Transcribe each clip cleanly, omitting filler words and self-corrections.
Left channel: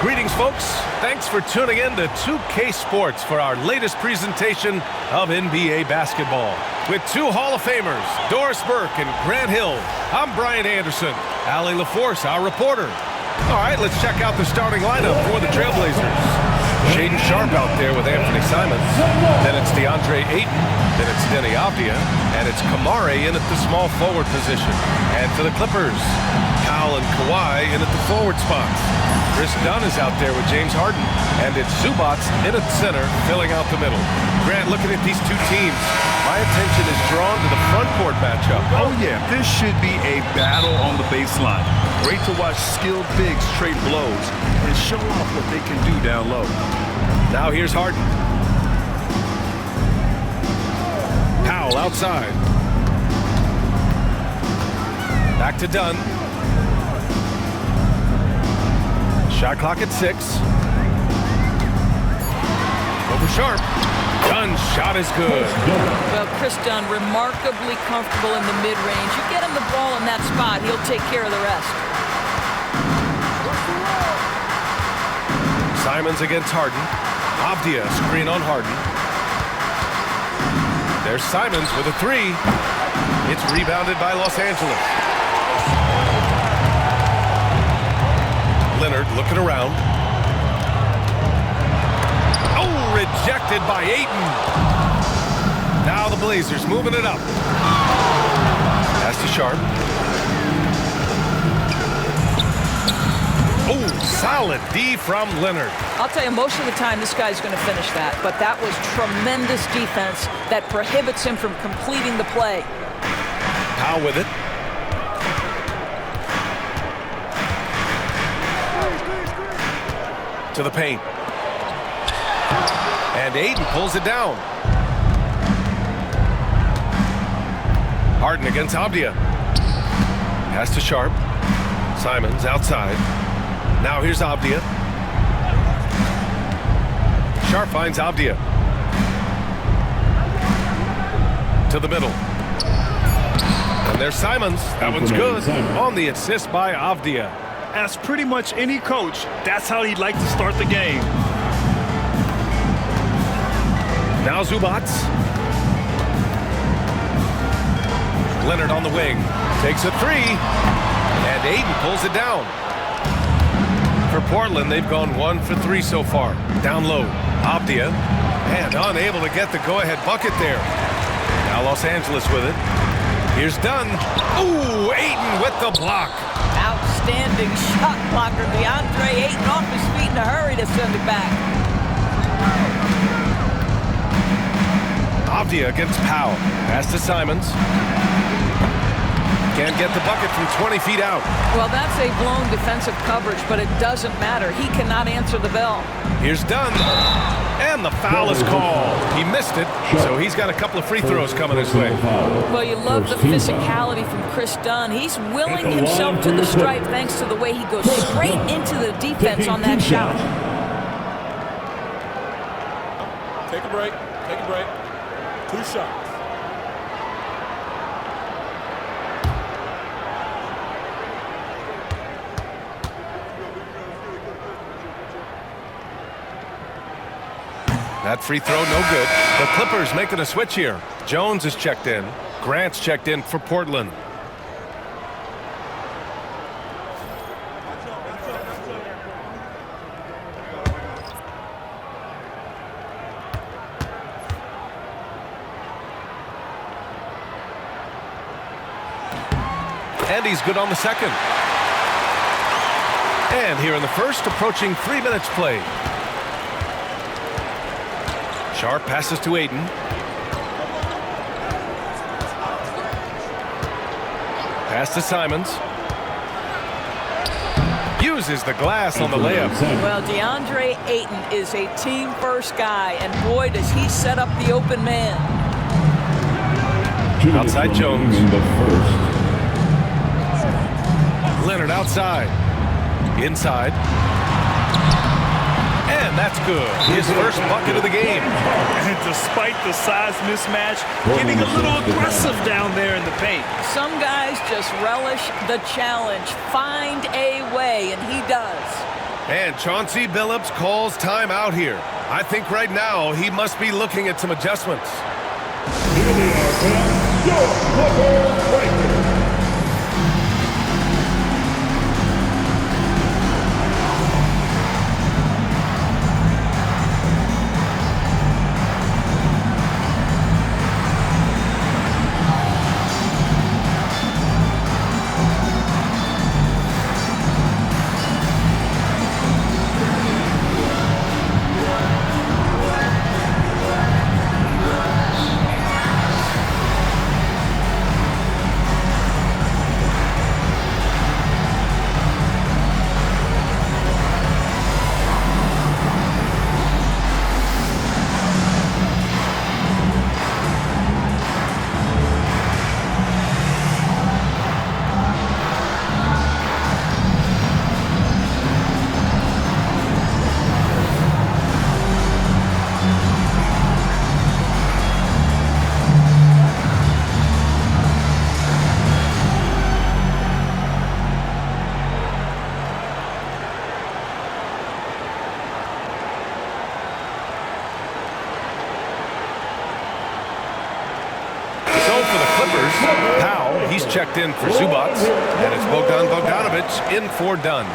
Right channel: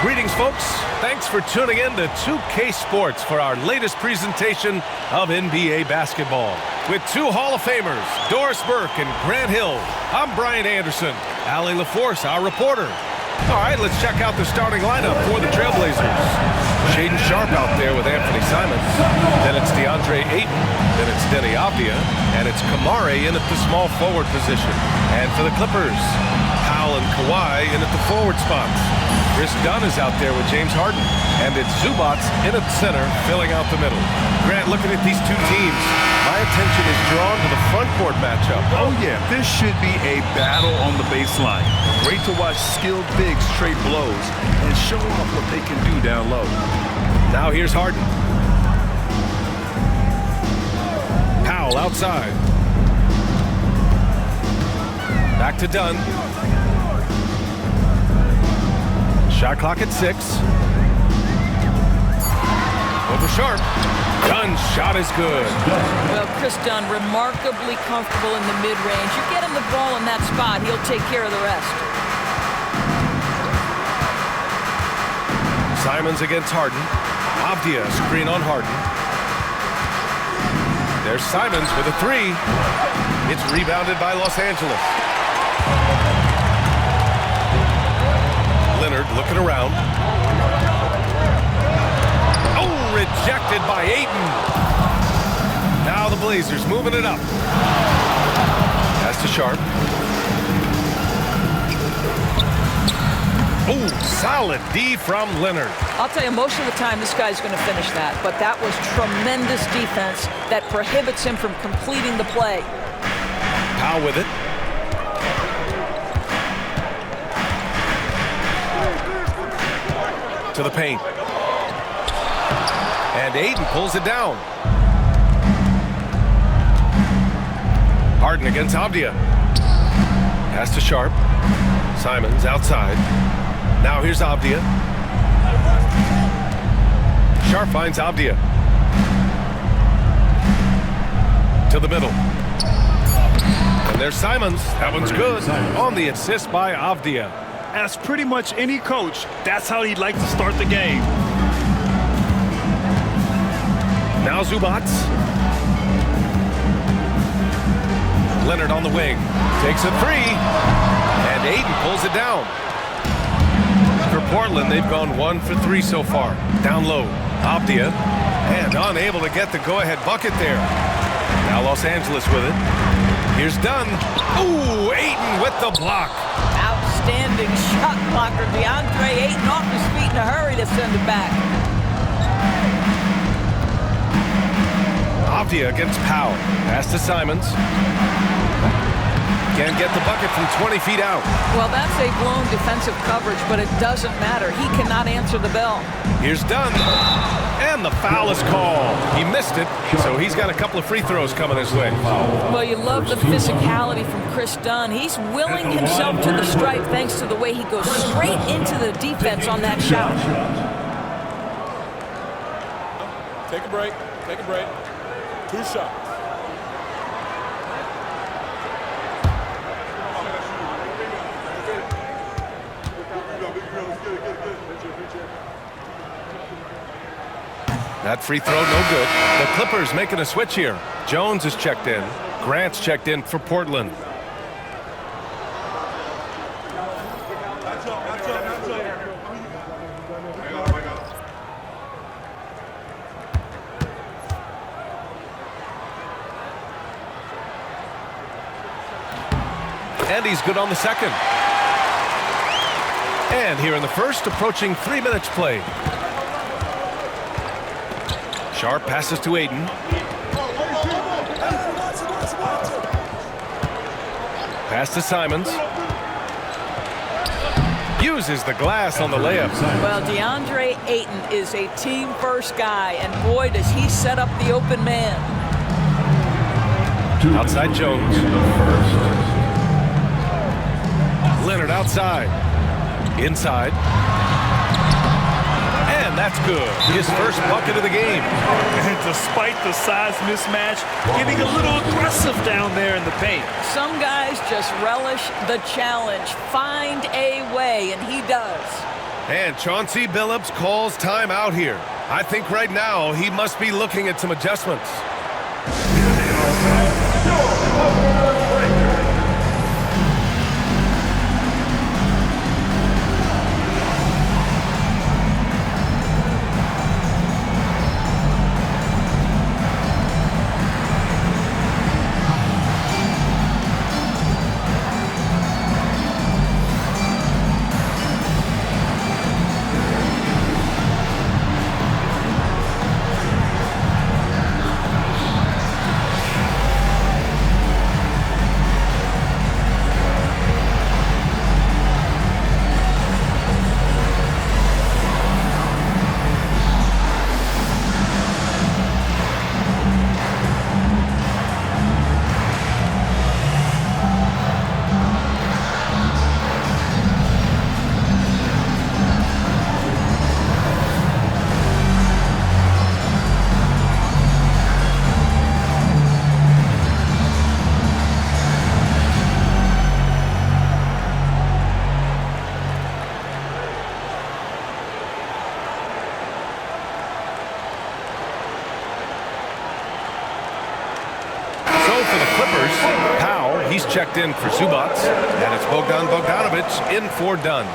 Greetings, folks. Thanks for tuning in to 2K Sports for our latest presentation of NBA basketball. With two Hall of Famers, Doris Burke and Grant Hill, I'm Brian Anderson. Allie LaForce, our reporter. All right, let's check out the starting lineup for the Trailblazers. Shaedon Sharpe out there with Anthony Simons. Then it's DeAndre Ayton. Then it's Deni Avdija. And it's Kamari in at the small forward position. And for the Clippers, Powell and Kawhi in at the forward spots. Kris Dunn is out there with James Harden. And it's Zubac in at center, filling out the middle. Grant, looking at these two teams, my attention is drawn to the front court matchup. Oh, yeah. This should be a battle on the baseline. Great to watch skilled bigs trade blows and show off what they can do down low. Now here's Harden. Powell outside. Back to Dunn. Shot clock at 6. Over Sharpe. Dunn's shot is good. Well, Kris Dunn remarkably comfortable in the mid-range. You get him the ball in that spot, he'll take care of the rest. Simons against Harden. Avdija screen on Harden. There's Simons with a 3. It's rebounded by Los Angeles. Leonard looking around. Oh, rejected by Ayton. Now the Blazers moving it up. Pass to Sharpe. Oh, solid D from Leonard. I'll tell you, most of the time this guy's going to finish that, but that was tremendous defense that prohibits him from completing the play. Powell with it. To the paint. And Ayton pulls it down. Harden against Avdija. Pass to Sharpe. Simons outside. Now here's Avdija. Sharpe finds Avdija. To the middle. And there's Simons. That one's good. On the assist by Avdija. As pretty much any coach, that's how he'd like to start the game. Now Zubac. Leonard on the wing. Takes a 3. And Ayton pulls it down. For Portland, they've gone 1 for 3 so far. Down low, Avdija. And unable to get the go-ahead bucket there. Now Los Angeles with it. Here's Dunn. Ooh, Ayton with the block. Outstanding shot blocker. DeAndre Ayton off his feet in a hurry to send it back. Avdija against Powell. Pass to Simons. Can't get the bucket from 20 feet out. Well, that's a blown defensive coverage, but it doesn't matter. He cannot answer the bell. Here's Dunn. And the foul is called. He missed it, so he's got a couple of free throws coming his way. Well, you love the physicality from Kris Dunn. He's willing himself to the stripe thanks to the way he goes straight into the defense on that shot. Take a break. Take a break. 2 shots. That free throw, no good. The Clippers making a switch here. Jones is checked in. Grant's checked in for Portland. And he's good on the second. And here in the first, approaching 3 minutes played. Sharpe passes to Ayton. Pass to Simons. Uses the glass on the layup. Well, DeAndre Ayton is a team-first guy, and boy, does he set up the open man. Outside Jones. Leonard outside. Inside. And that's good. His first bucket of the game. And despite the size mismatch, getting a little aggressive down there in the paint. Some guys just relish the challenge. Find a way, and he does. And Chauncey Billups calls time out here. I think right now he must be looking at some adjustments. Here they are, fans. Your Hooker Breaker. So for the Clippers, Powell, he's checked in for Zubac, and it's Bogdan Bogdanovic in for Dunn.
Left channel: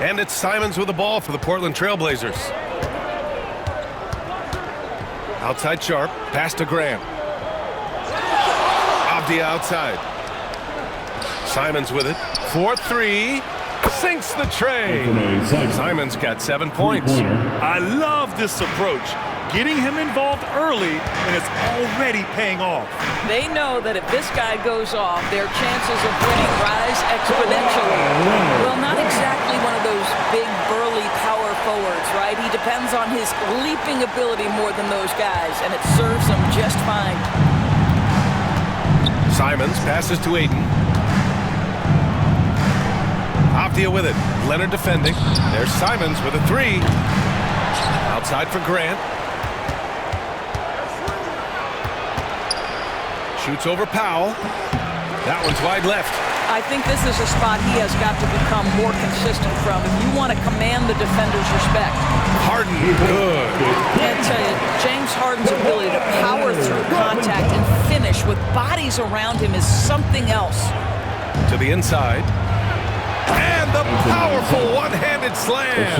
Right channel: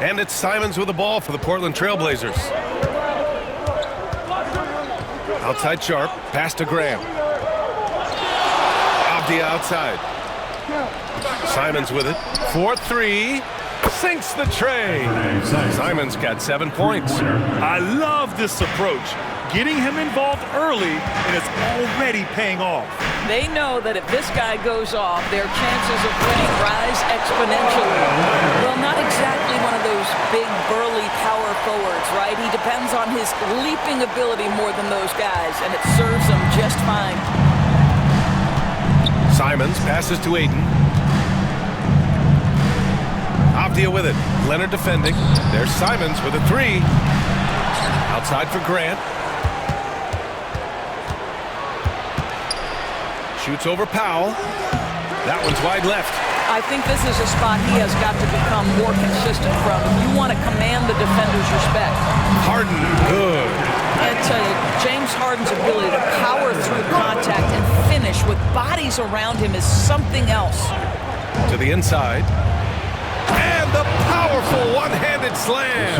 And it's Simons with the ball for the Portland Trailblazers. Outside Sharp, pass to Graham. Abdia outside. Simons with it. 4-3. Sinks the tray. Simons got 7 points. I love this approach. Getting him involved early, and it's already paying off. They know that if this guy goes off, their chances of winning rise exponentially. Well, not exactly one of those big, burly power forwards, right? He depends on his leaping ability more than those guys, and it serves him just fine. Simons passes to Ayton. Abdia with it. Leonard defending. There's Simons with a 3. Outside for Grant. Shoots over Powell. That one's wide left. I think this is a spot he has got to become more consistent from if you want to command the defender's respect. Harden, good. I tell you, James Harden's ability to power through contact and finish with bodies around him is something else. To the inside. And the powerful one-handed slam.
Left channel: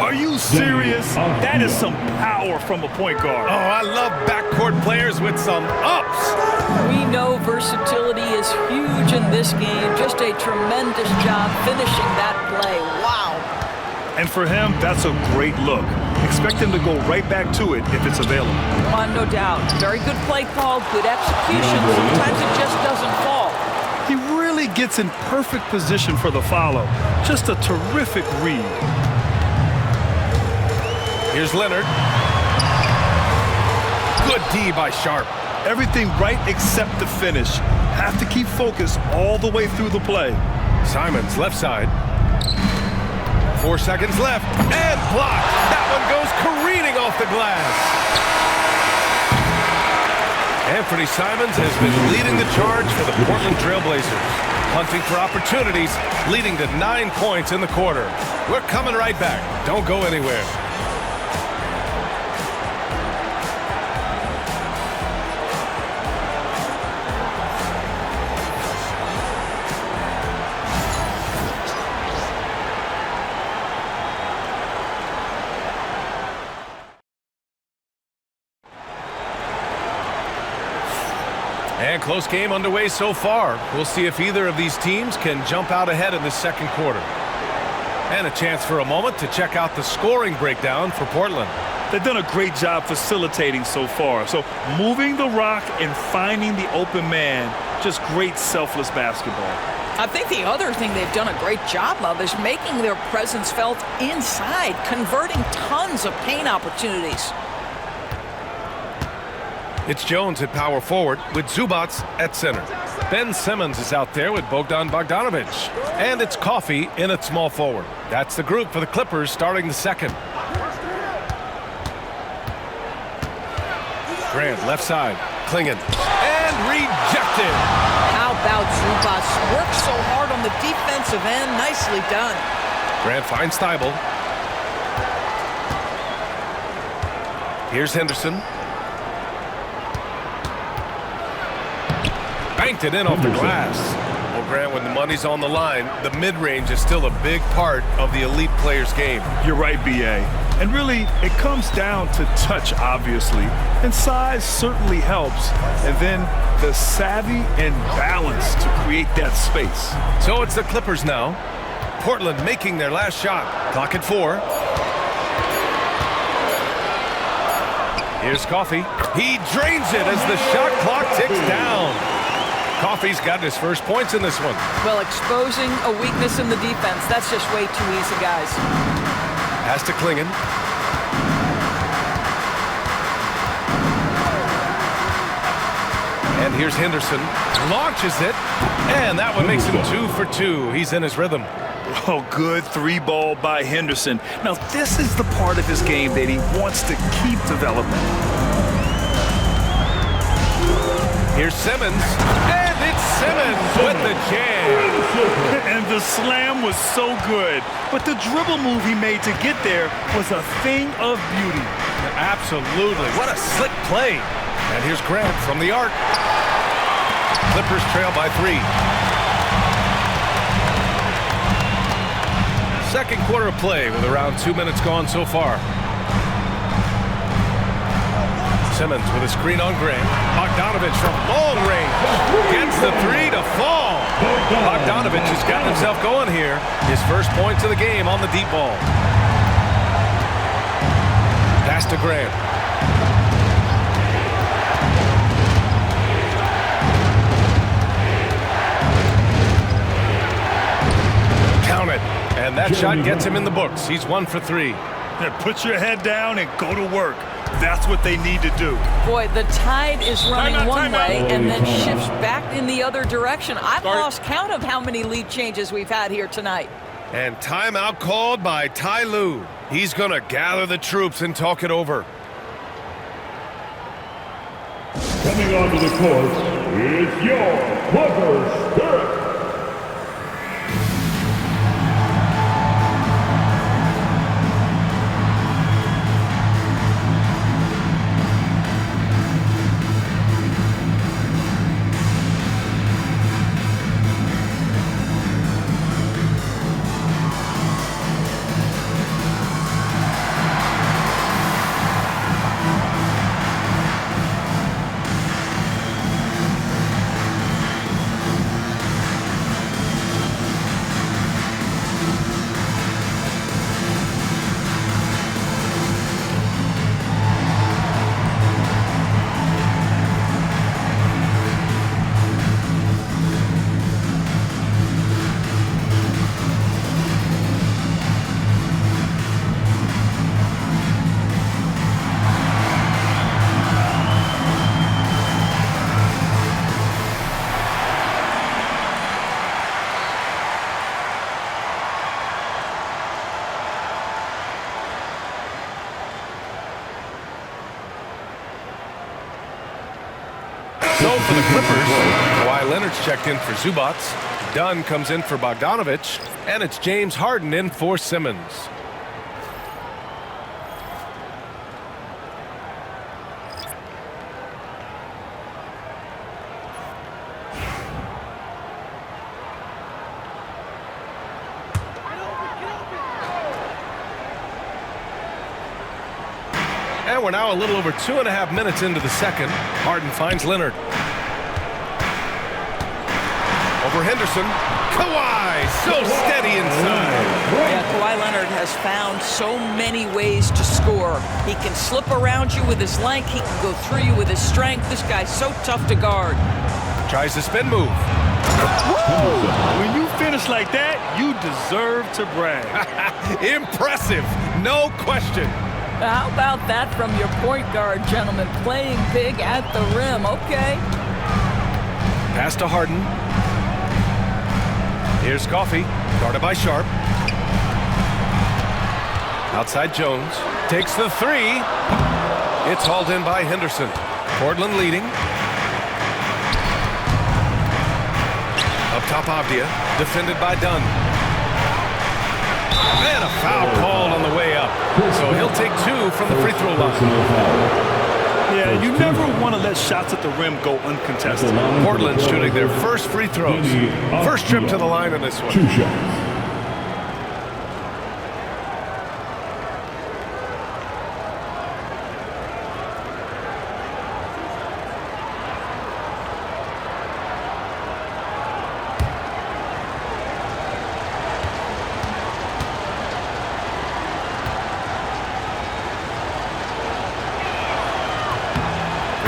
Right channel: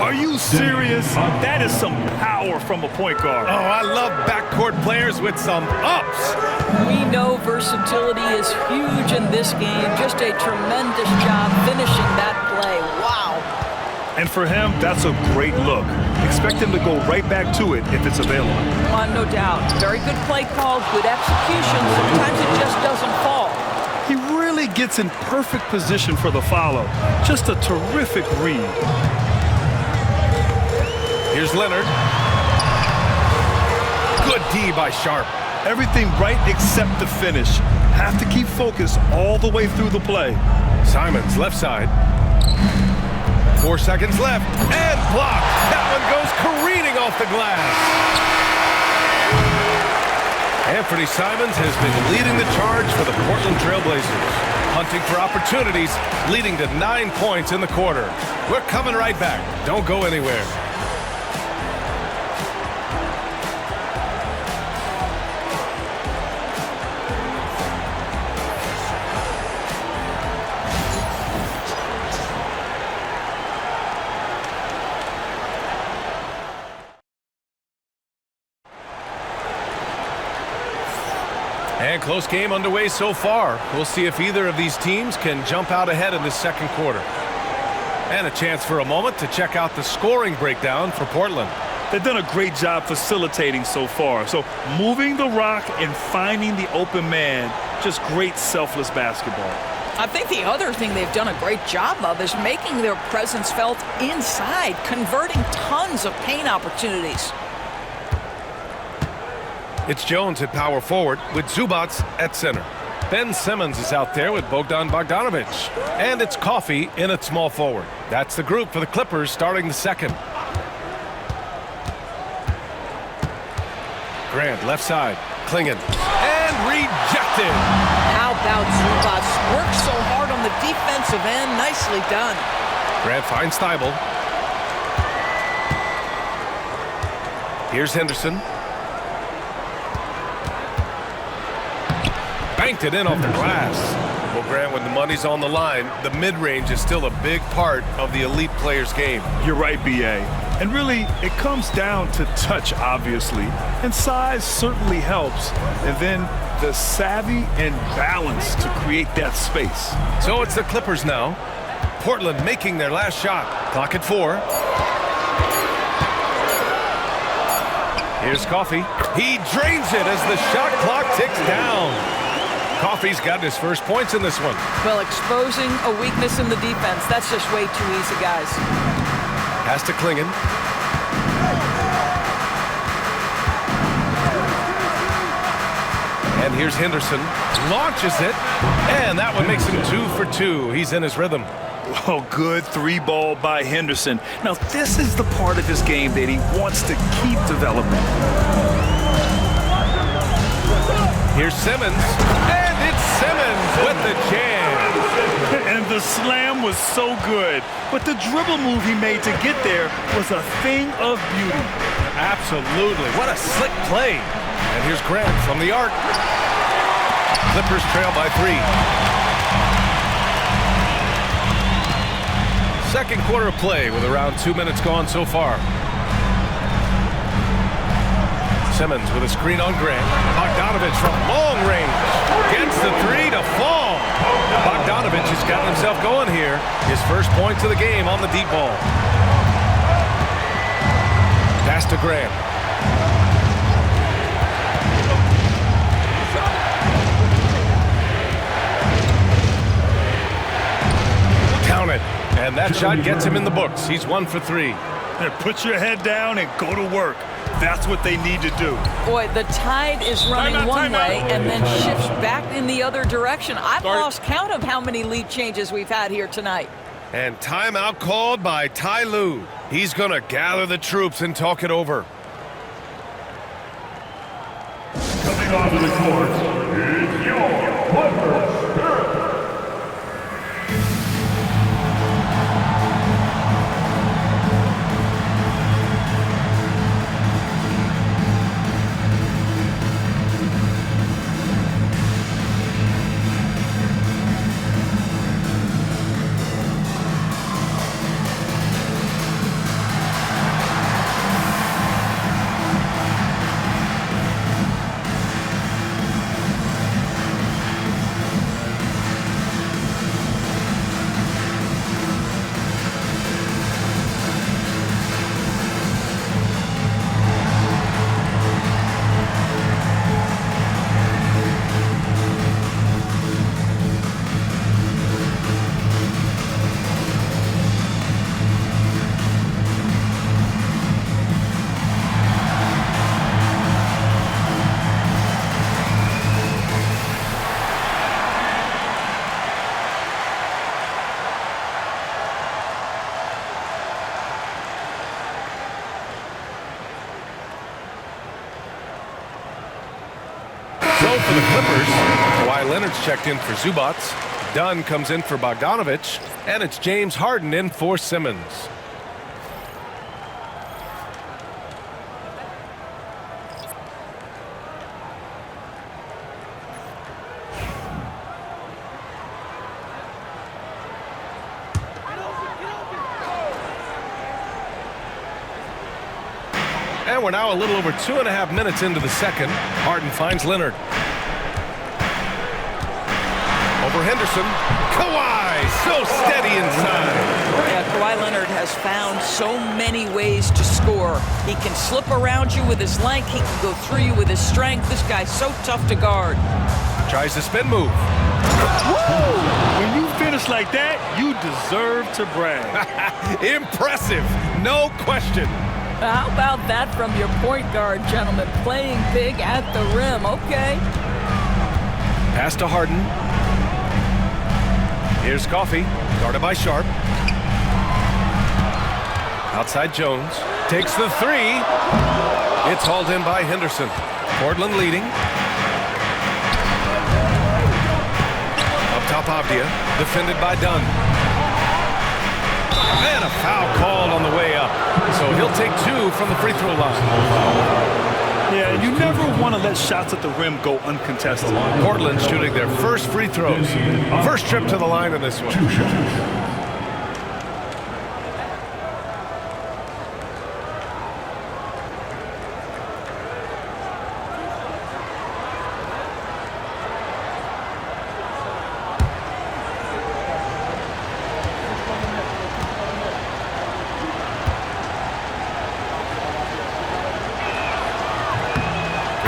Are you serious? That is some power from a point guard. Oh, I love backcourt players with some ups. We know versatility is huge in this game. Just a tremendous job finishing that play. Wow. And for him, that's a great look. Expect him to go right back to it if it's available. No doubt. Very good play call, good execution. Sometimes it just doesn't fall. He really gets in perfect position for the follow. Just a terrific read. Here's Leonard. Good D by Sharp. Everything right except the finish. Have to keep focus all the way through the play. Simons left side. 4 seconds left. And blocked. That one goes careening off the glass. Anthony Simons has been leading the charge for the Portland Trailblazers. Hunting for opportunities, leading to 9 points in the quarter. We're coming right back. Don't go anywhere. And close game underway so far. We'll see if either of these teams can jump out ahead in this second quarter. And a chance for a moment to check out the scoring breakdown for Portland. They've done a great job facilitating so far. So moving the rock and finding the open man, just great selfless basketball. I think the other thing they've done a great job of is making their presence felt inside, converting tons of paint opportunities. It's Jones at power forward with Zubac at center. Ben Simmons is out there with Bogdan Bogdanovic. And it's Coffey in at small forward. That's the group for the Clippers starting the second. Grant, left side. Klingon. And rejected. How about Zubats? Works so hard on the defensive end. Nicely done. Grant finds Thibault. Here's Henderson. Banked it in off the glass. Well, Grant, when the money's on the line, the mid-range is still a big part of the elite player's game. You're right, B.A. And really, it comes down to touch, obviously. And size certainly helps. And then the savvy and balance to create that space. So it's the Clippers now. Portland making their last shot. Clock at 4. Here's Coffey. He drains it as the shot clock ticks down. Coffey's got his first points in this one. Well, exposing a weakness in the defense, that's just way too easy, guys. Pass to Klingon. And here's Henderson. Launches it. And that one makes him 2 for 2. He's in his rhythm. Oh, good 3-ball by Henderson. Now, this is the part of his game that he wants to keep developing. Here's Simmons. And it's Simmons with the jam. And the slam was so good. But the dribble move he made to get there was a thing of beauty. Absolutely. What a slick play. And here's Grant from the arc. Clippers trail by 3. Second quarter of play with around 2 minutes gone so far. Simmons with a screen on Grant. Bogdanovich from long range. Gets the 3 to fall. Bogdanovich has gotten himself going here. His first points of the game on the deep ball. Pass to Grant. Count it. And that shot gets him in the books. He's 1 for 3. And put your head down and go to work. That's what they need to do. Boy, the tide is running one way and then shifts back in the other direction. I've lost count of how many lead changes we've had here tonight. And timeout called by Ty Lue. He's going to gather the troops and talk it over. Coming onto the court is your Clippers Spirit. So for the Clippers, Kawhi Leonard's checked in for Zubats. Dunn comes in for Bogdanovich. And it's James Harden in for Simmons. And we're now a little over 2.5 minutes into the second. Harden finds Leonard. Over Henderson. Kawhi, so steady inside. Yeah, Kawhi Leonard has found so many ways to score. He can slip around you with his length. He can go through you with his strength. This guy's so tough to guard. Tries the spin move. Woo! When you finish like that, you deserve to brag. Impressive, no question. How about that from your point guard, gentlemen? Playing big at the rim, okay. Pass to Harden. Here's Coffey, guarded by Sharp. Outside Jones, takes the 3. It's hauled in by Henderson. Portland leading. Up top, Avdia, defended by Dunn. And a foul called on the way up. So he'll take 2 from the free throw line. Yeah, you never want to let shots at the rim go uncontested. Portland shooting their first free throws. First trip to the line in this one. 2 shots.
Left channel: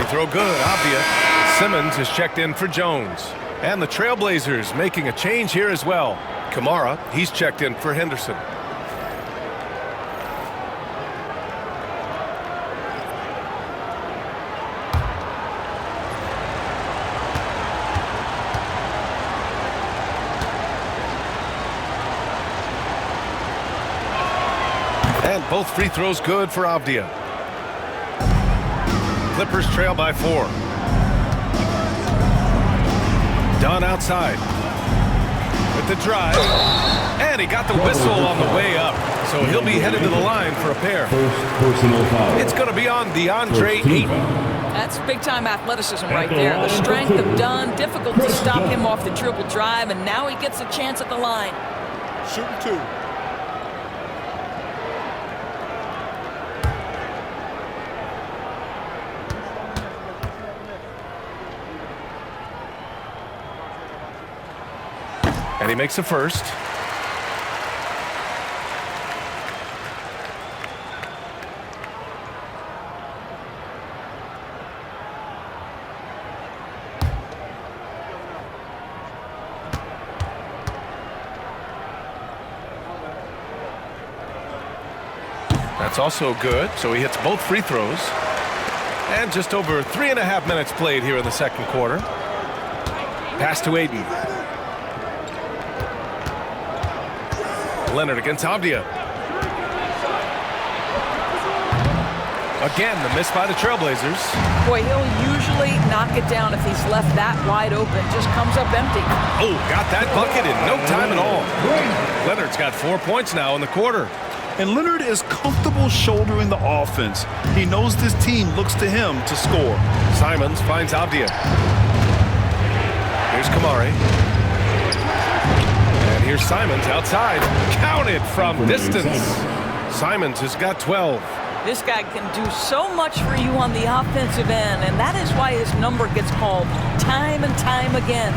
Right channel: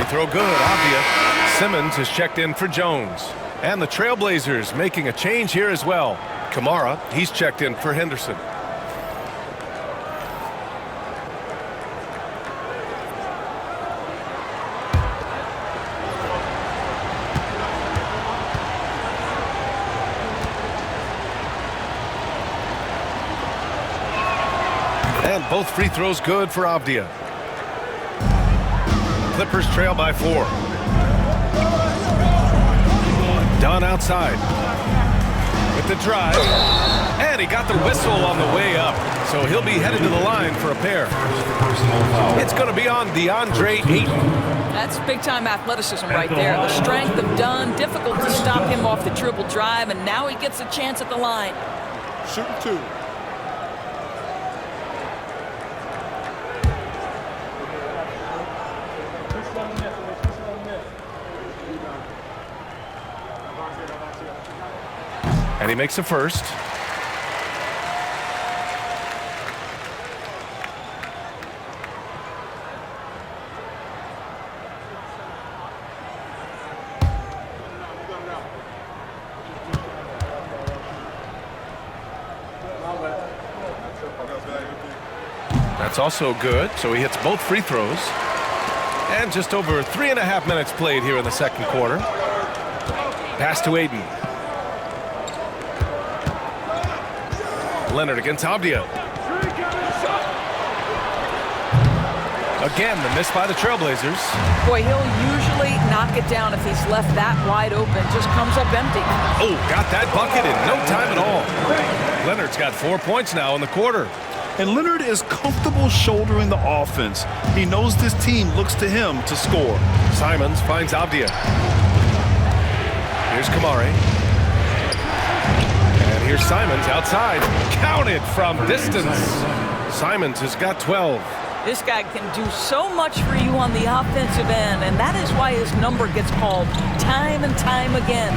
Throw good, Avdia. Simmons is checked in for Jones. And the Trailblazers making a change here as well. Kamara, he's checked in for Henderson. And both free throws good for Avdia. Clippers trail by 4. Dunn outside with the drive, and he got the whistle on the way up, so he'll be headed to the line for a pair. First personal foul. It's going to be on DeAndre Ayton. That's big-time athleticism right there. The strength of Dunn, difficult to stop him off the dribble drive, and now he gets a chance at the line. Shooting 2. And he makes a first. That's also good, so he hits both free throws. And just over 3.5 minutes played here in the second quarter. Pass to Ayton. Leonard against Avdia. Again, the miss by the Trailblazers. Boy, he'll usually knock it down if he's left that wide open. Just comes up empty. Oh, got that bucket in no time at all. Leonard's got 4 points now in the quarter. And Leonard is comfortable shouldering the offense. He knows this team looks to him to score. Simons finds Avdia. Here's Kamari. And here's Simons outside. Counted from distance. Simons has got 12. This guy can do so much for you on the offensive end, and that is why his number gets called time and time again.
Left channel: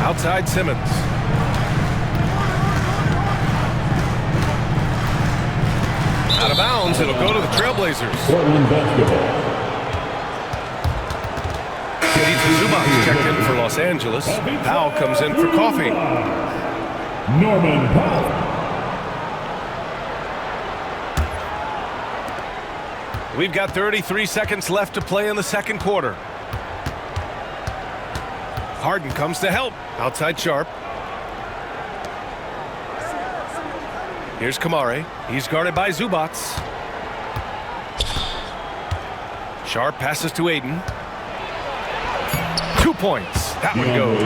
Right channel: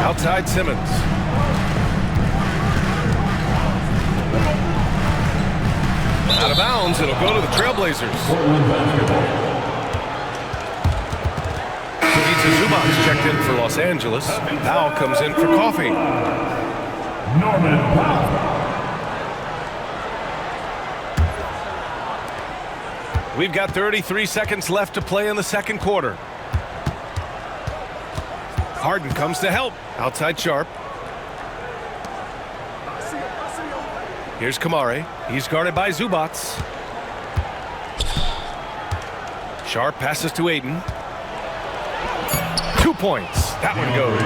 Outside Simmons. Out of bounds, it'll go to the Trailblazers. Portland basketball. Pizza Zubac's checked in for Los Angeles. Powell comes in for coffee. Norman Powell. We've got 33 seconds left to play in the second quarter. Harden comes to help. Outside Sharp. Here's Kamari. He's guarded by Zubac. Sharp passes to Ayton. 2 points. That one goes.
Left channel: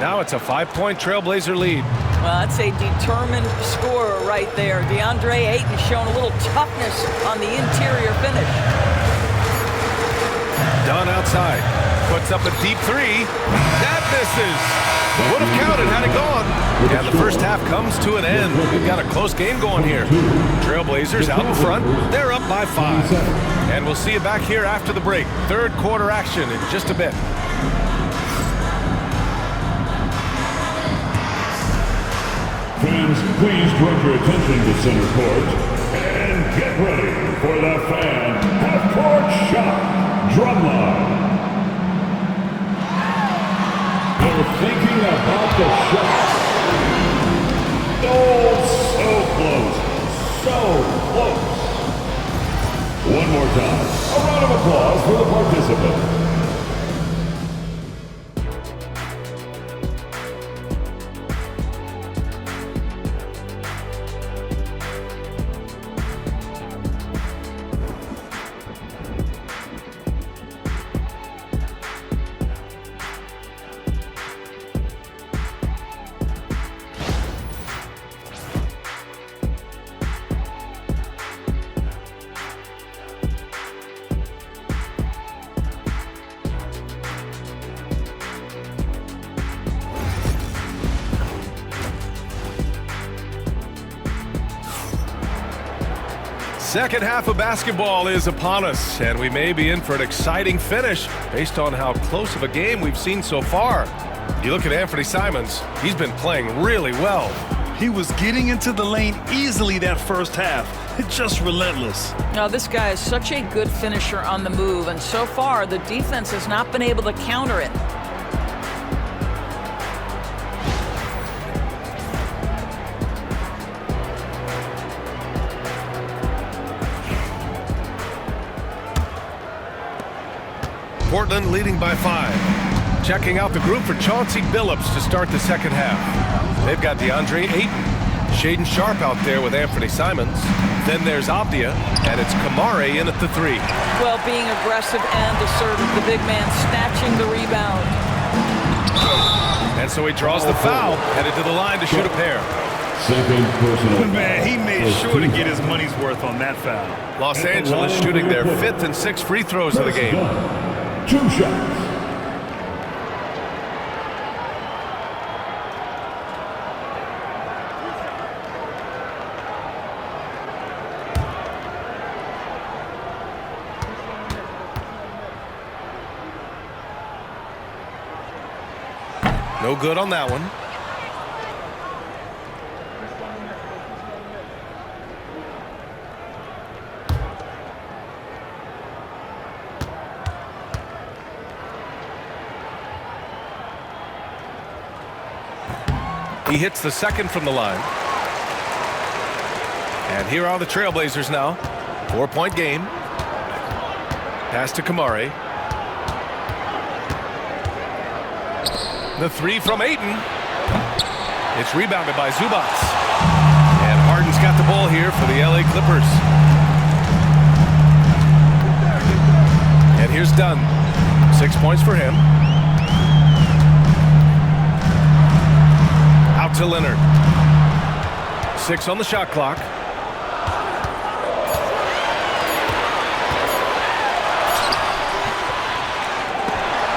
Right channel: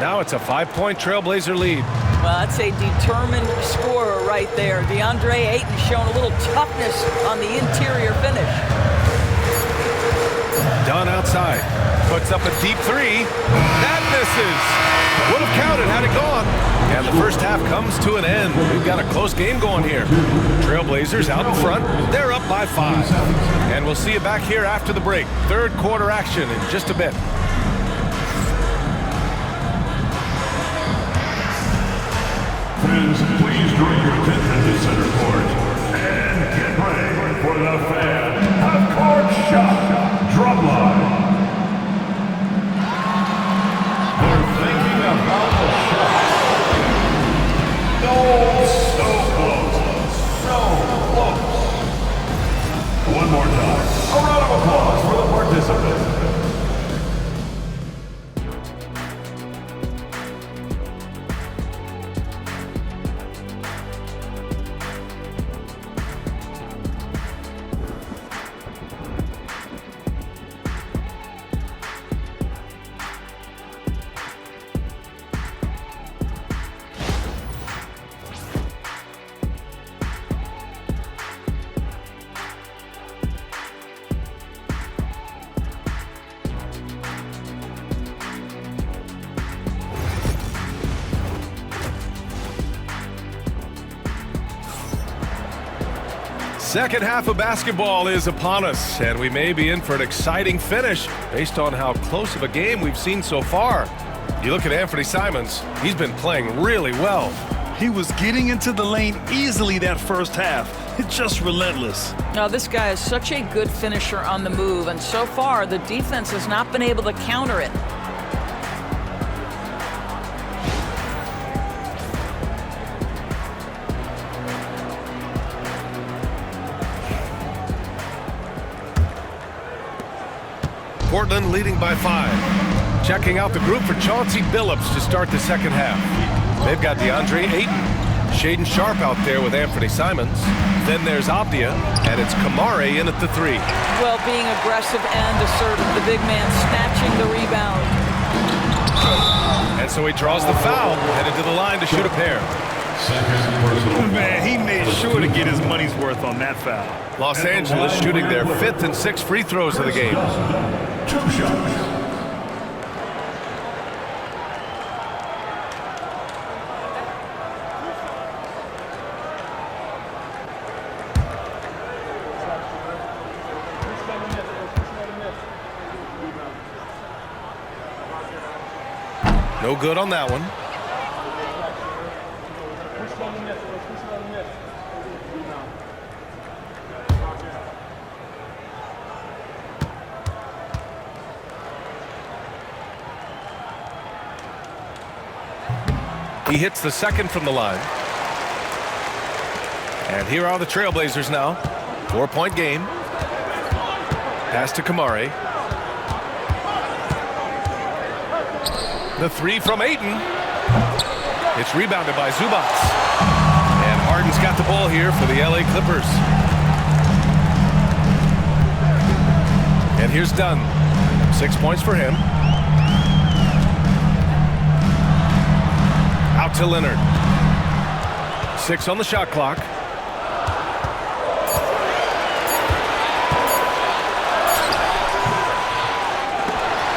Now it's a 5-point Trailblazer lead. Well, that's a determined scorer right there. DeAndre Ayton showing a little toughness on the interior finish. Dunn outside. Puts up a deep 3. That misses. Would have counted had it gone. And the first half comes to an end. We've got a close game going here. Trailblazers out in front. They're up by 5. And we'll see you back here after the break. Third quarter action in just a bit. Fans, please direct your attention to center court and get ready for the fan half-court shot drumline. They're thinking about the shot. Oh, so close. So close. One more time. A round of applause for the participants. Second half of basketball is upon us, and we may be in for an exciting finish based on how close of a game we've seen so far. You look at Anthony Simons, he's been playing really well. He was getting into the lane easily that first half. It's just relentless. Now, this guy is such a good finisher on the move, and so far the defense has not been able to counter it. Portland leading by 5. Checking out the group for Chauncey Billups to start the second half. They've got DeAndre Ayton, Shaedon Sharpe out there with Anthony Simons. Then there's Avdia, and it's Kamari in at the 3. Well, being aggressive and assertive, the big man snatching the rebound. And so he draws the foul, headed to the line to shoot a pair. Second personal. Man, he made sure to get his money's worth on that foul. Los Angeles shooting their 5th and 6th free throws of the game. 2 shots. No good on that one. He hits the second from the line. And here are the Trailblazers now. 4-point game. Pass to Kamari. The 3 from Ayton. It's rebounded by Zubac. And Harden's got the ball here for the LA Clippers. And here's Dunn. 6 points for him. Out to Leonard. 6 on the shot clock.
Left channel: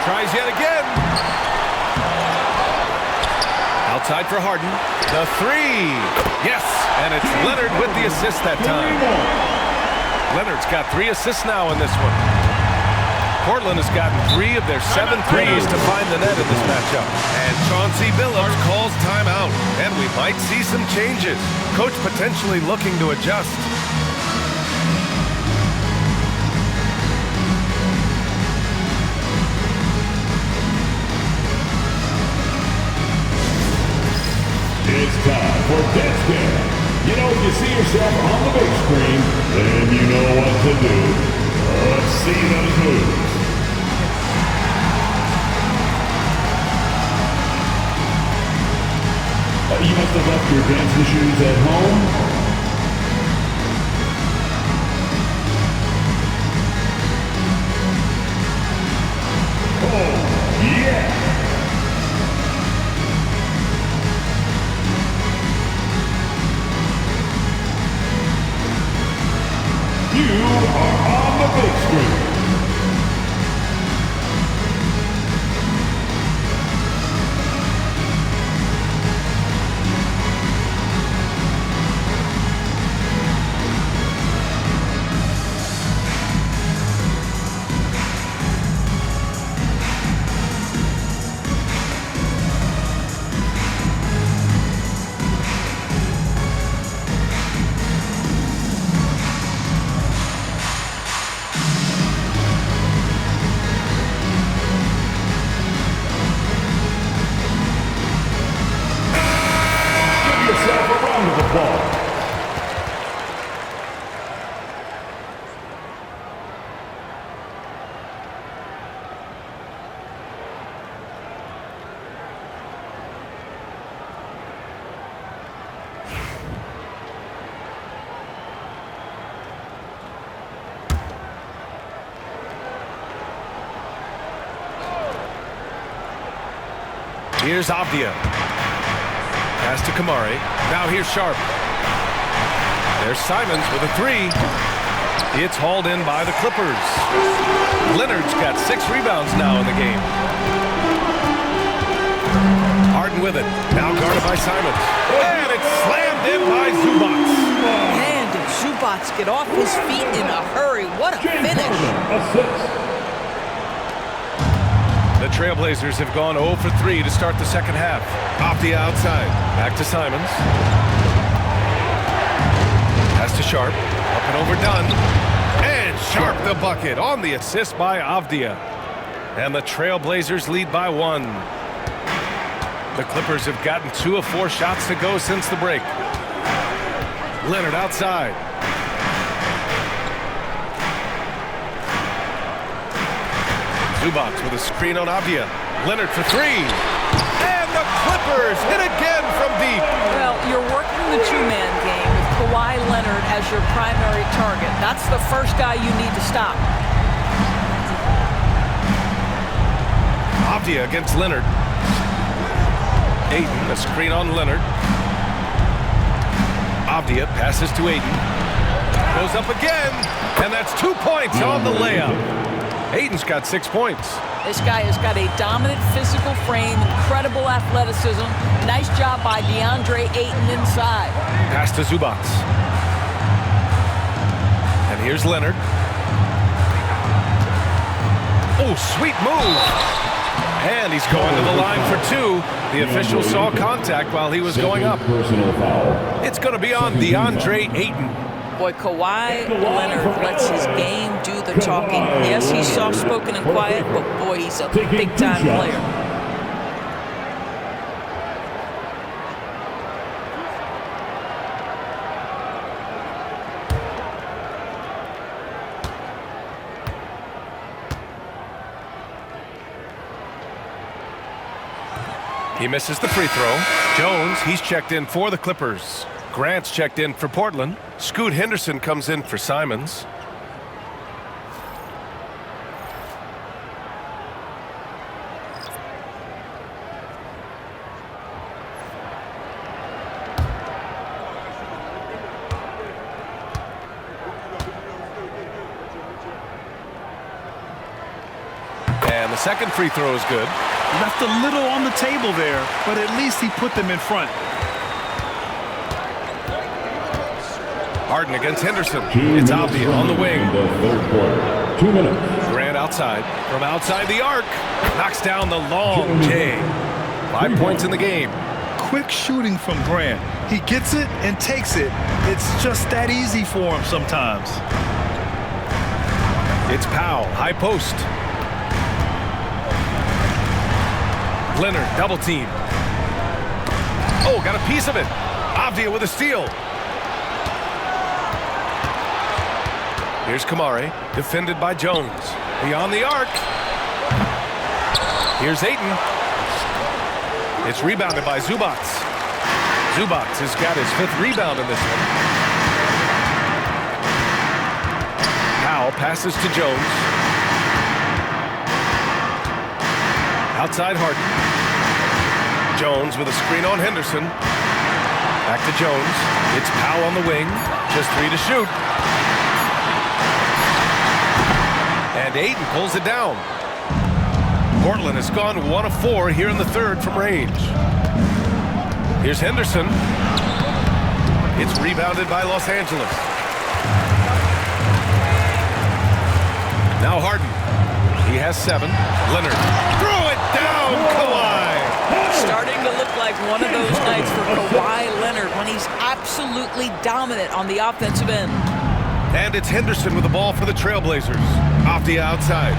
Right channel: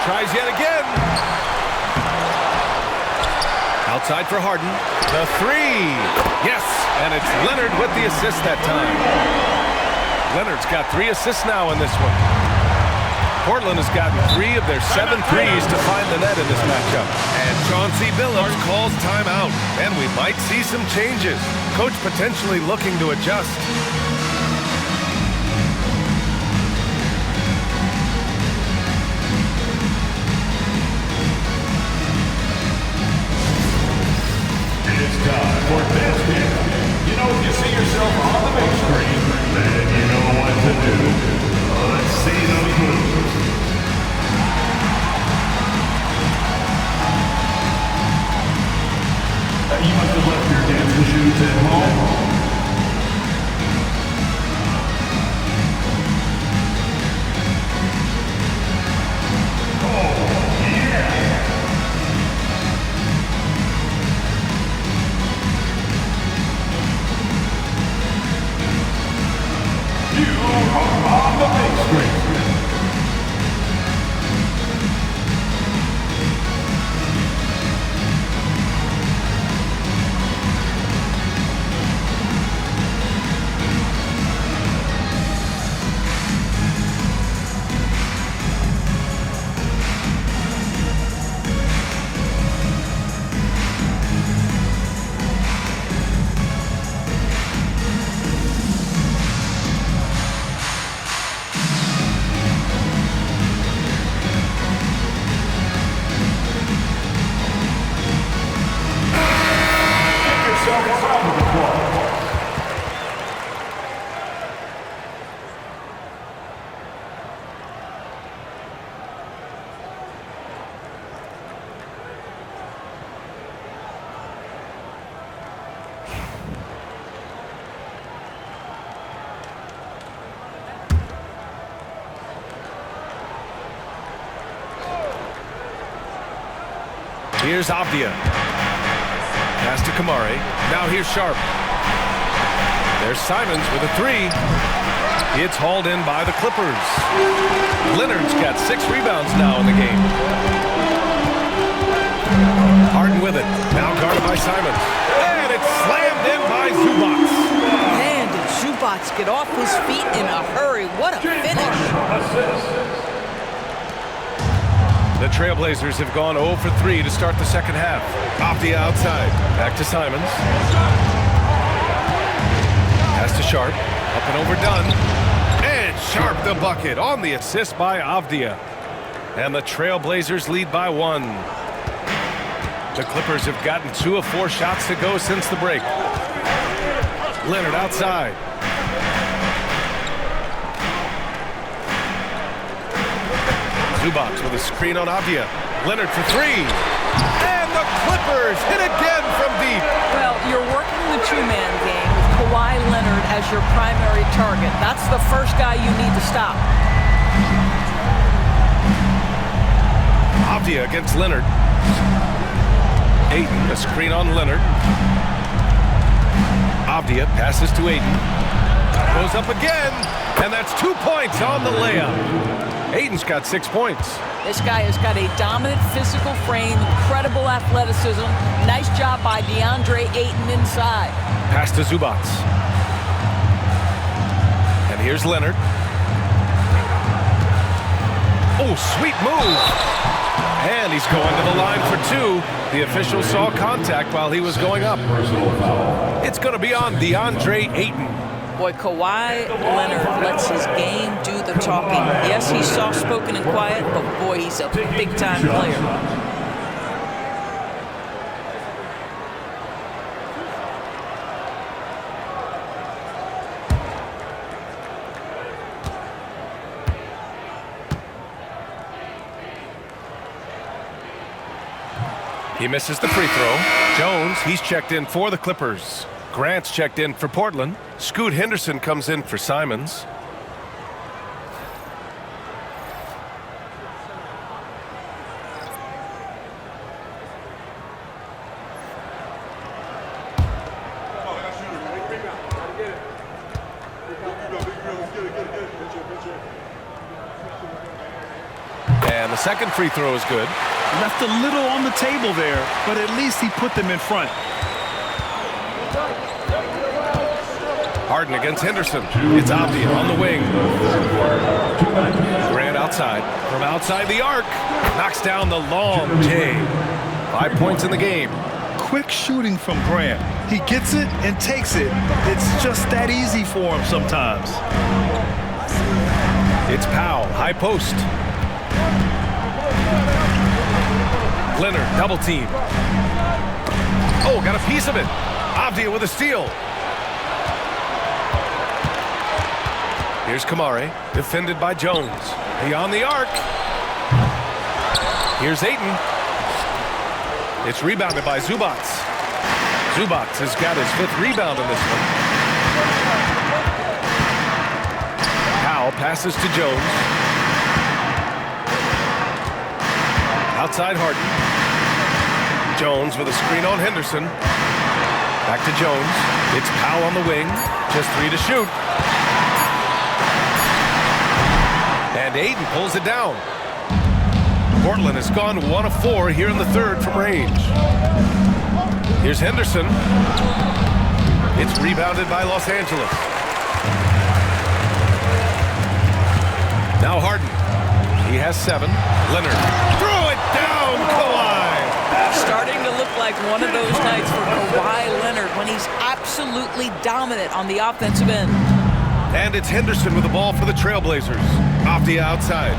Tries yet again. Outside for Harden. The 3. Yes, and it's Leonard with the assist that time. Leonard's got 3 assists now in this one. Portland has gotten 3 of their 7 threes to find the net in this matchup. And Chauncey Billups calls timeout. And we might see some changes. Coach potentially looking to adjust. It's time for Dance Cam. You know, if you see yourself on the big screen, then you know what to do. Let's see those moves. You must have left your dancing shoes at home. Oh, yeah! You are on the big screen. Here's Avdia. Pass to Kamari. Now here's Sharpe. There's Simons with a 3. It's hauled in by the Clippers. Leonard's got 6 rebounds now in the game. Harden with it. Now guarded by Simons. And it's slammed in by Zubac. And it's Zubac get off his feet in a hurry. What a James finish. Harden assists. The Trailblazers have gone 0 for 3 to start the second half. Off the outside. Back to Simons. Pass to Sharp. Up and over Dunn. And Sharp the bucket on the assist by Avdia. And the Trailblazers lead by 1. The Clippers have gotten 2 of 4 shots to go since the break. Leonard outside. Zubac with a screen on Avdia. Leonard for 3. And the Clippers hit again from deep. Well, you're working the two-man game with Kawhi Leonard as your primary target. That's the first guy you need to stop. Avdia against Leonard. Ayton, a screen on Leonard. Avdia passes to Ayton. Goes up again, and that's 2 points on the layup. Ayton's got 6 points. This guy has got a dominant physical frame, incredible athleticism. Nice job by DeAndre Ayton inside. Pass to Zubac. And here's Leonard. Oh, sweet move. And he's going to the line for 2. The official saw contact while he was going up. Personal foul. It's going to be on DeAndre Ayton. Boy, Kawhi Leonard lets his game do the talking. Yes, he's soft-spoken and quiet, but boy, he's a big-time player. He misses the free throw. Jones, he's checked in for the Clippers. Grant's checked in for Portland. Scoot Henderson comes in for Simons. And the second free throw is good. Left a little on the table there, but at least he put them in front. Harden against Henderson. It's Avdia on the wing. The third quarter. 2 minutes. Grant outside. From outside the arc. Knocks down the long J. 5 points in the game. Quick shooting from Grant. He gets it and takes it. It's just that easy for him sometimes. It's Powell. High post. Leonard, double team. Oh, got a piece of it. Avdia with a steal. Here's Kamare, defended by Jones. Beyond the arc. Here's Ayton. It's rebounded by Zubac. Zubac has got his 5th rebound in this one. Powell passes to Jones. Outside Harden. Jones with a screen on Henderson. Back to Jones. It's Powell on the wing. Just 3 to shoot. And Ayton pulls it down. Portland has gone 1 of 4 here in the third from range. Here's Henderson. It's rebounded by Los Angeles. Now Harden. He has 7. Leonard. Throw it down, Kawhi. Starting to look like one of those nights for Kawhi Leonard when he's absolutely dominant on the offensive end. And it's Henderson with the ball for the Trailblazers. Off the outside.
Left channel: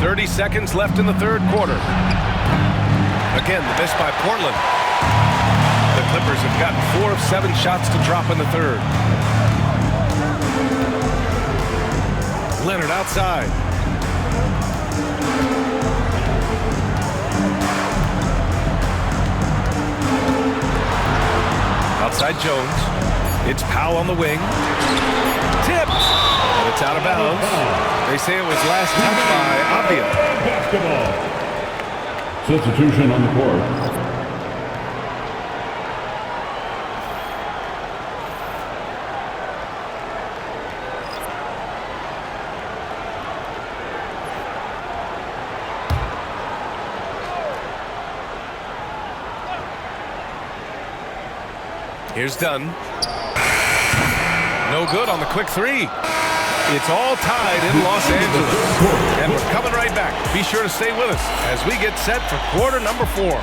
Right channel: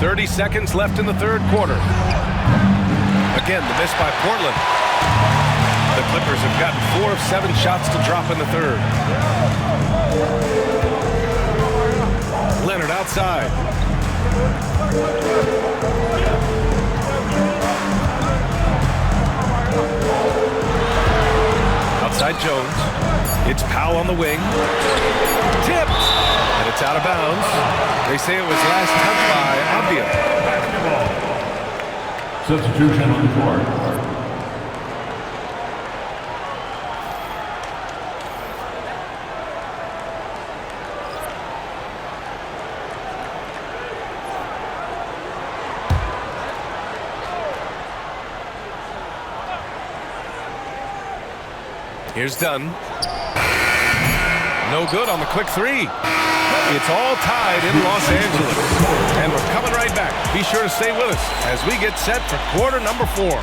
30 seconds left in the third quarter. Again, the miss by Portland. The Clippers have gotten 4 of 7 shots to drop in the third. Leonard outside. Outside Jones. It's Powell on the wing. Tipped. And it's out of bounds. They say it was last touched by Avdia. Basketball. Substitution on the court. Here's Dunn. No good on the quick three. It's all tied in Los Angeles. And we're coming right back. Be sure to stay with us as we get set for quarter number 4.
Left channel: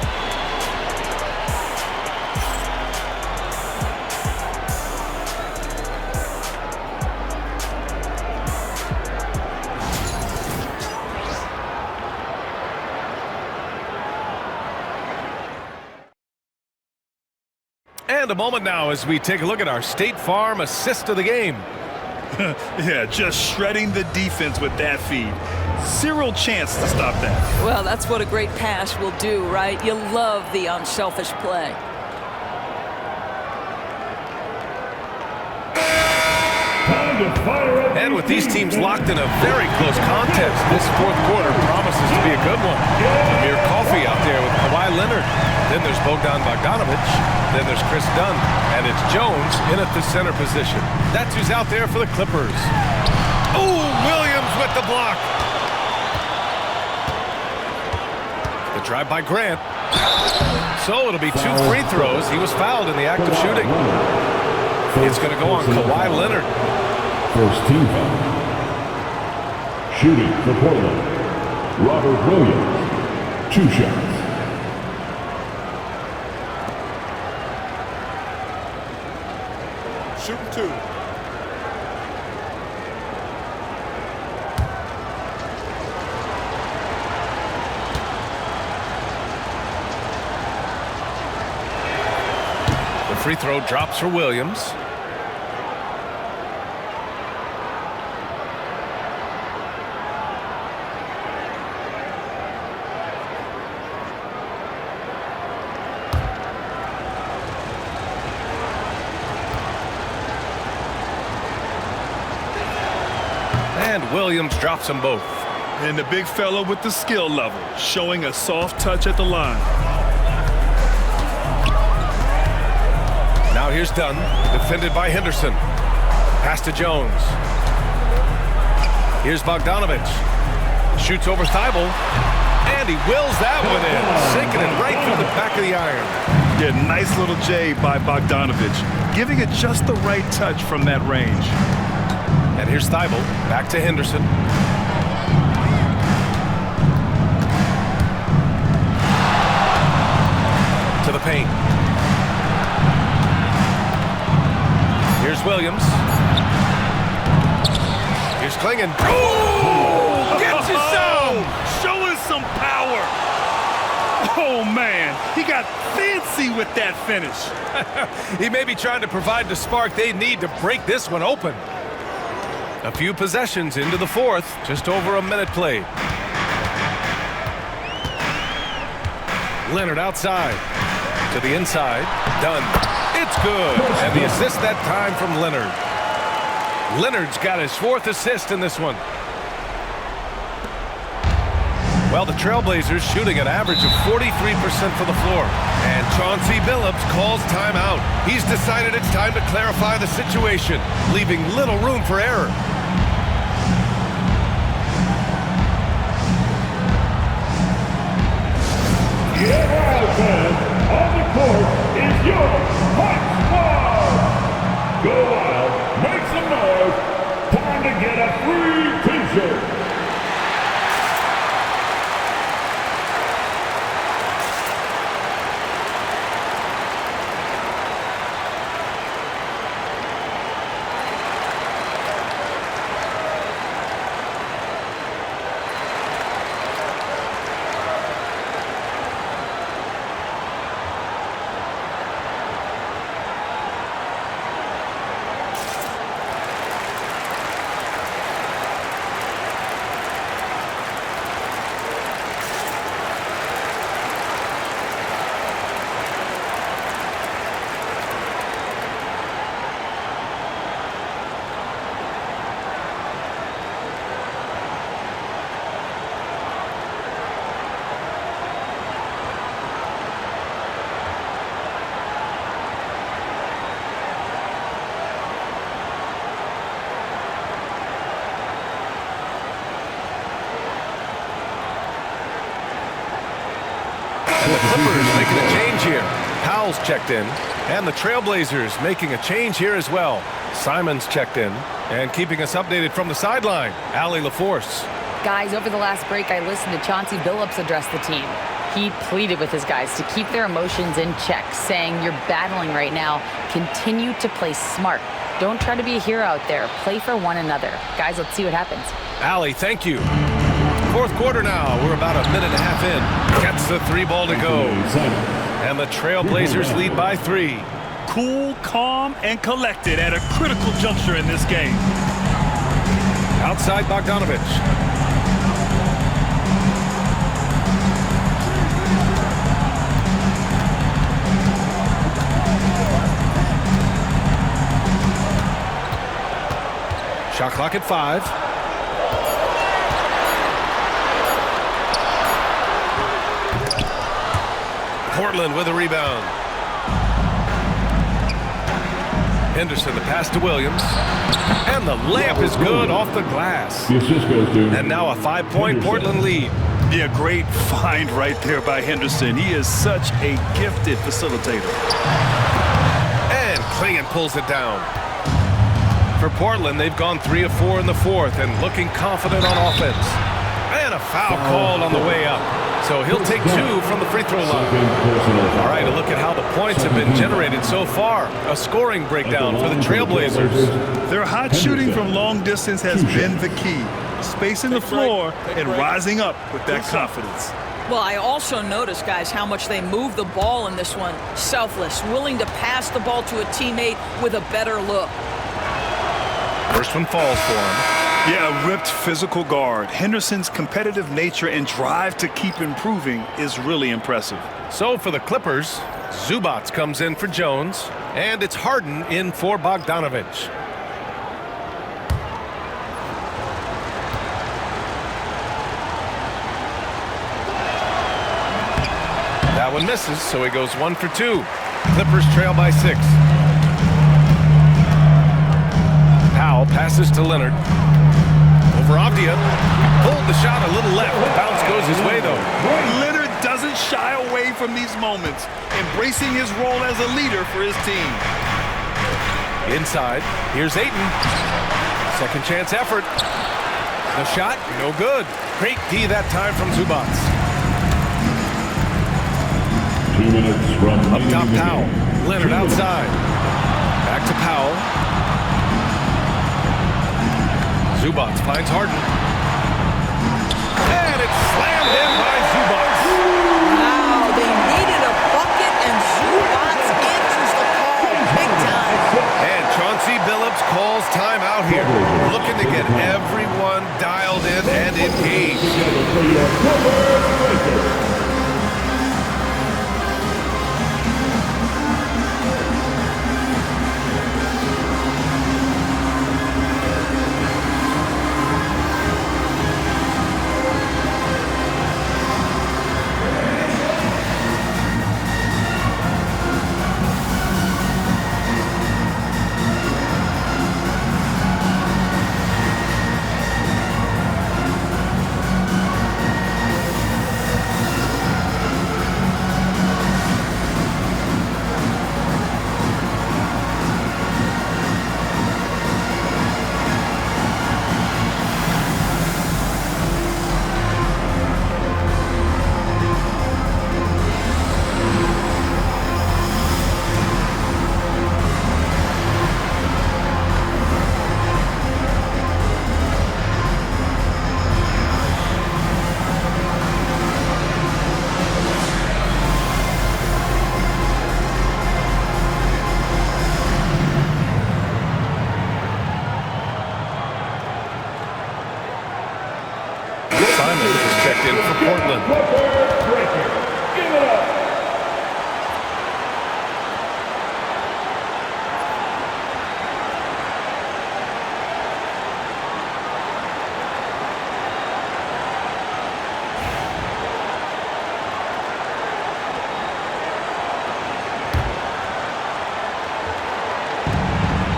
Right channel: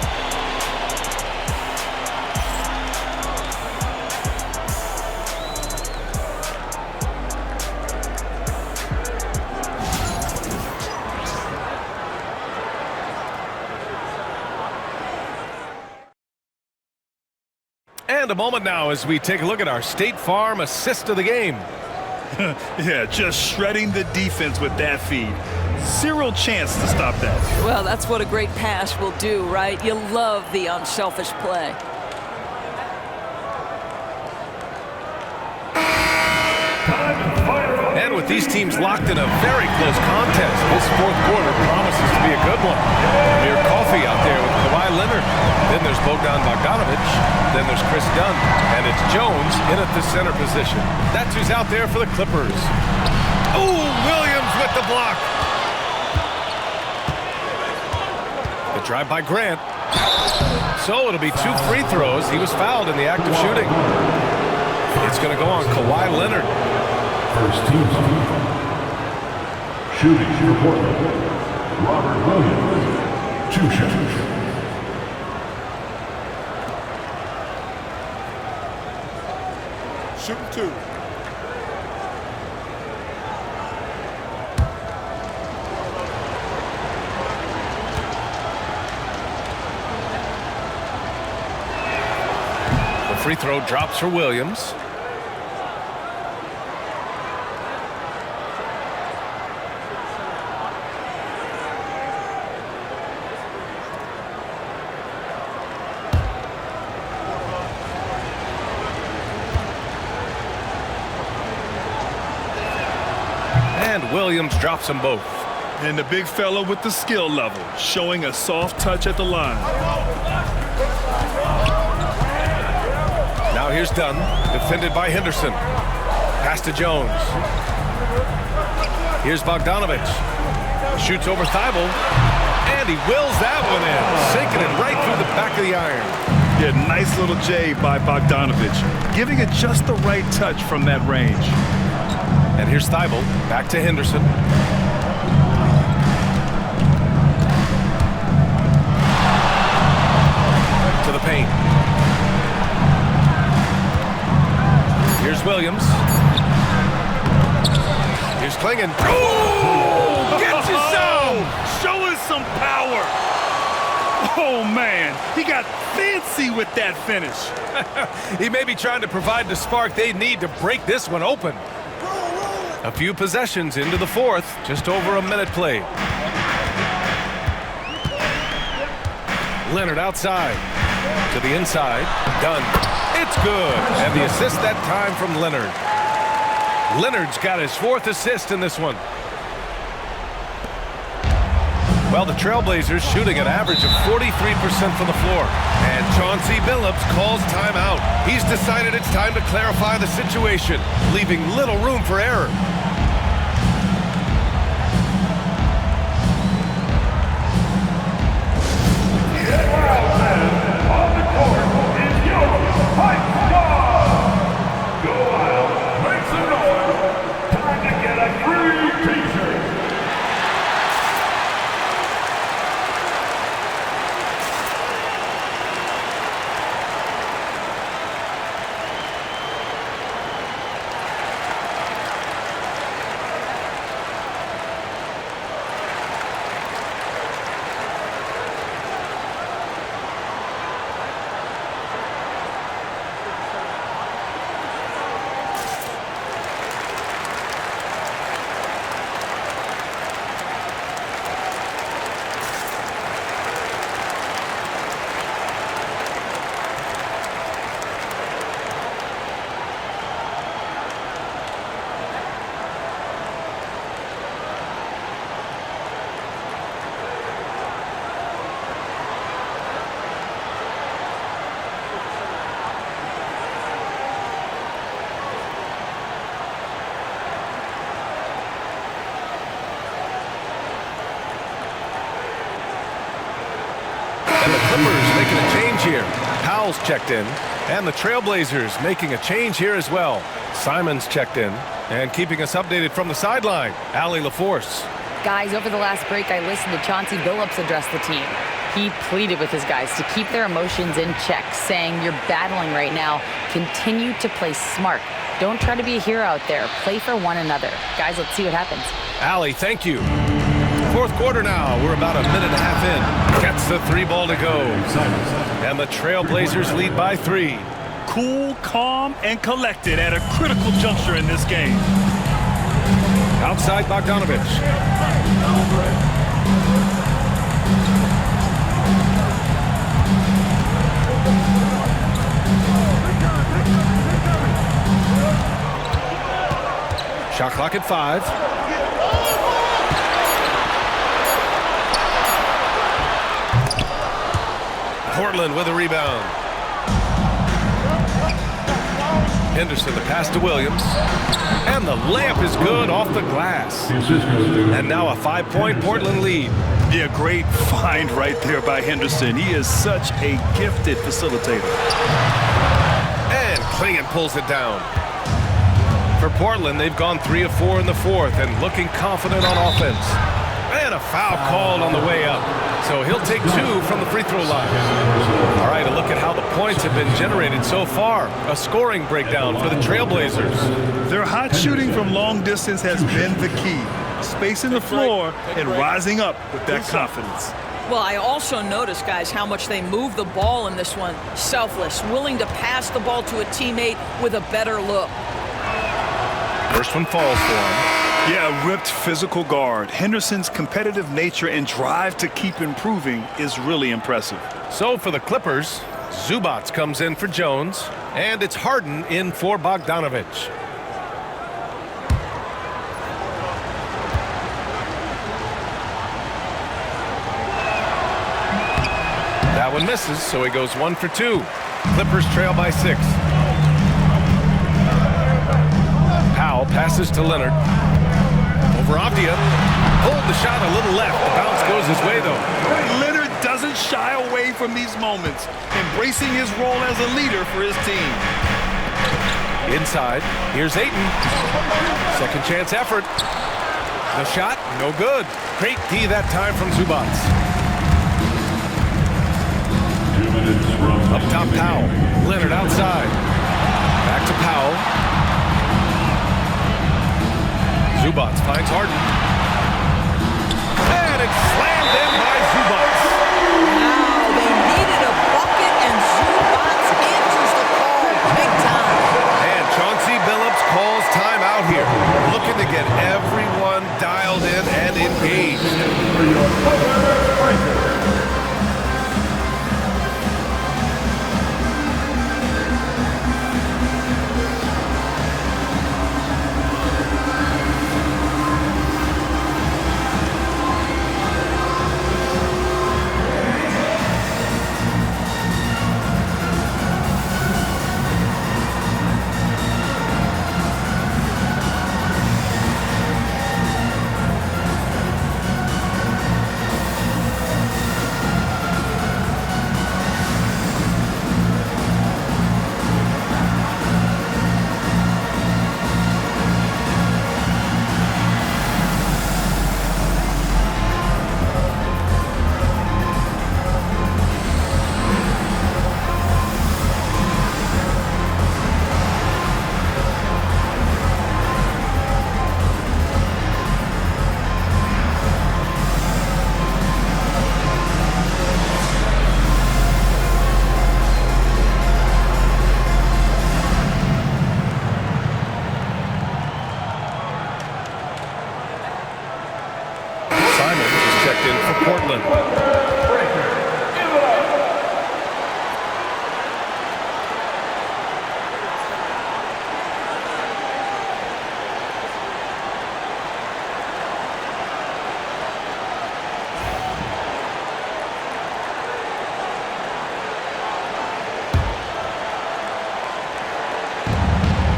And a moment now as we take a look at our State Farm assist of the game. Yeah, just shredding the defense with that feed. Zero chance to stop that. Well, that's what a great pass will do, right? You love the unselfish play. And with these teams locked in a very close contest, this fourth quarter promises to be a good one. Amir Coffey out there with Kawhi Leonard. Then there's Bogdan Bogdanovic. Then there's Chris Dunn. And it's Jones in at the center position. That's who's out there for the Clippers. Oh, Williams with the block. The drive by Grant. So it'll be 2 free throws. He was fouled in the act of shooting. It's going to go on Kawhi Leonard. First team foul. Shooting for Portland, Robert Williams. 2 shots. Shooting 2. The free throw drops for Williams. And Williams drops them both. And the big fella with the skill level, showing a soft touch at the line. Now here's Dunn, defended by Henderson. Pass to Jones. Here's Bogdanovic. Shoots over Thibault. And he wills that one in, sinking it right through the back of the iron. Yeah, nice little J by Bogdanovic, giving it just the right touch from that range. And here's Thibault, back to Henderson. To the paint. Here's Williams. Here's Klingon. Oh! Gets you some! Showing some power. Oh, man. He got fancy with that finish. He may be trying to provide the spark they need to break this one open. A few possessions into the fourth, just over a minute played. Leonard outside, to the inside, Dunn. It's good, and the assist that time from Leonard. Leonard's got his 4th assist in this one. Well, the Trailblazers shooting an average of 43% from the floor. And Chauncey Billups calls timeout. He's decided it's time to clarify the situation, leaving little room for error. On the court is your Hype Squad. Go wild, make some noise. Time to get a free t-shirt. And the Clippers making a change here. Powell's checked in. And the Trailblazers making a change here as well. Simons checked in. And keeping us updated from the sideline, Allie LaForce. Guys, over the last break, I listened to Chauncey Billups address the team. He pleaded with his guys to keep their emotions in check, saying, "You're battling right now. Continue to play smart. Don't try to be a hero out there. Play for one another." Guys, let's see what happens. Allie, thank you. Fourth quarter now. We're about a minute and a half in. Gets the 3 ball to go. And the Trailblazers lead by 3. Cool, calm, and collected at a critical juncture in this game. Outside Bogdanovich. Shot clock at 5. Portland with a rebound. Henderson, the pass to Williams. And the layup is good off the glass. The assist goes to And now a 5-point Portland lead. Yeah, great find right there by Henderson. He is such a gifted facilitator. And Klingon pulls it down. For Portland, they've gone 3 of 4 in the fourth and looking confident on offense. And a foul called on the way up. So he'll take 2 from the free throw line. All right, a look at how the points have been generated so far. A scoring breakdown for the Trailblazers. Their hot shooting from long distance has been the key. Spacing the floor and rising up with that confidence. Well, I also noticed, guys, how much they move the ball in this one. Selfless, willing to pass the ball to a teammate with a better look. First one falls for him. Yeah, ripped physical guard. Henderson's competitive nature and drive to keep improving is really impressive. So for the Clippers, Zubats comes in for Jones, and it's Harden in for Bogdanovich. That one misses, so he goes 1 for 2. Clippers trail by 6. Powell passes to Leonard. Over Avdia. Pulled the shot a little left. The bounce goes his way, though. Leonard doesn't shy away from these moments, embracing his role as a leader for his team. Inside, here's Ayton. Second chance effort. The shot, no good. Great D that time from Zubats. 2 minutes from Up top, Powell. Leonard outside. Back to Powell. Zubats finds Harden. And it's slammed in by Zubats. Wow, they needed a bucket, and Zubats answers the call big time. And Chauncey Billups calls time out here. Looking to get everyone dialed in and engaged. Simons is checked in for Portland.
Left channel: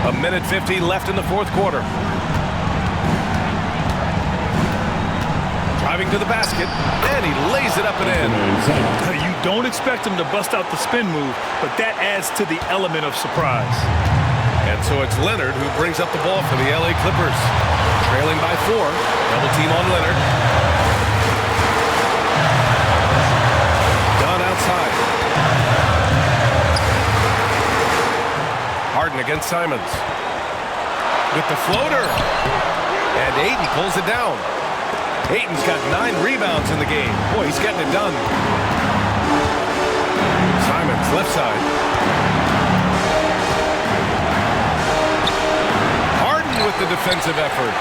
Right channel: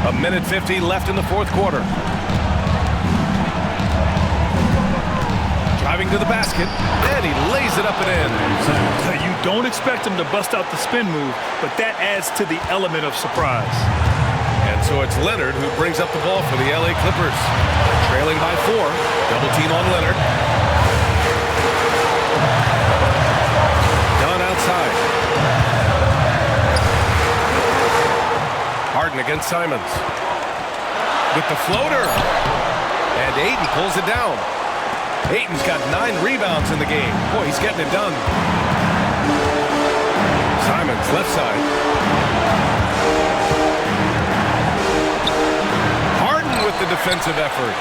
A minute 50 left in the fourth quarter. Driving to the basket, and he lays it up and in. You don't expect him to bust out the spin move, but that adds to the element of surprise. And so it's Leonard who brings up the ball for the LA Clippers. Trailing by 4. Double team on Leonard. Dunn outside. Harden against Simons. With the floater. And Ayton pulls it down. Ayton's got 9 rebounds in the game. Boy, he's getting it done. Simons, left side. Harden with the defensive effort.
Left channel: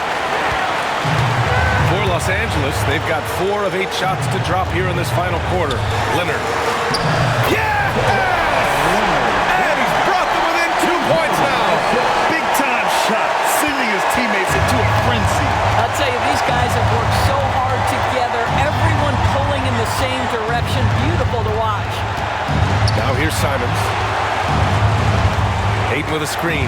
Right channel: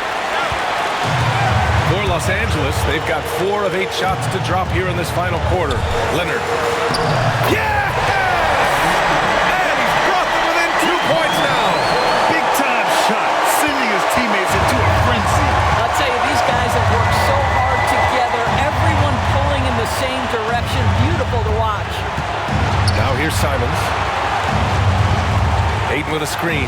For Los Angeles, they've got 4 of 8 shots to drop here in this final quarter. Leonard. Yes! And he's brought them within 2 points now. Big-time shot, sending his teammates into a frenzy. I'll tell you, these guys have worked so hard together. Everyone pulling in the same direction. Beautiful to watch. Now here's Simons. Ayton with a screen.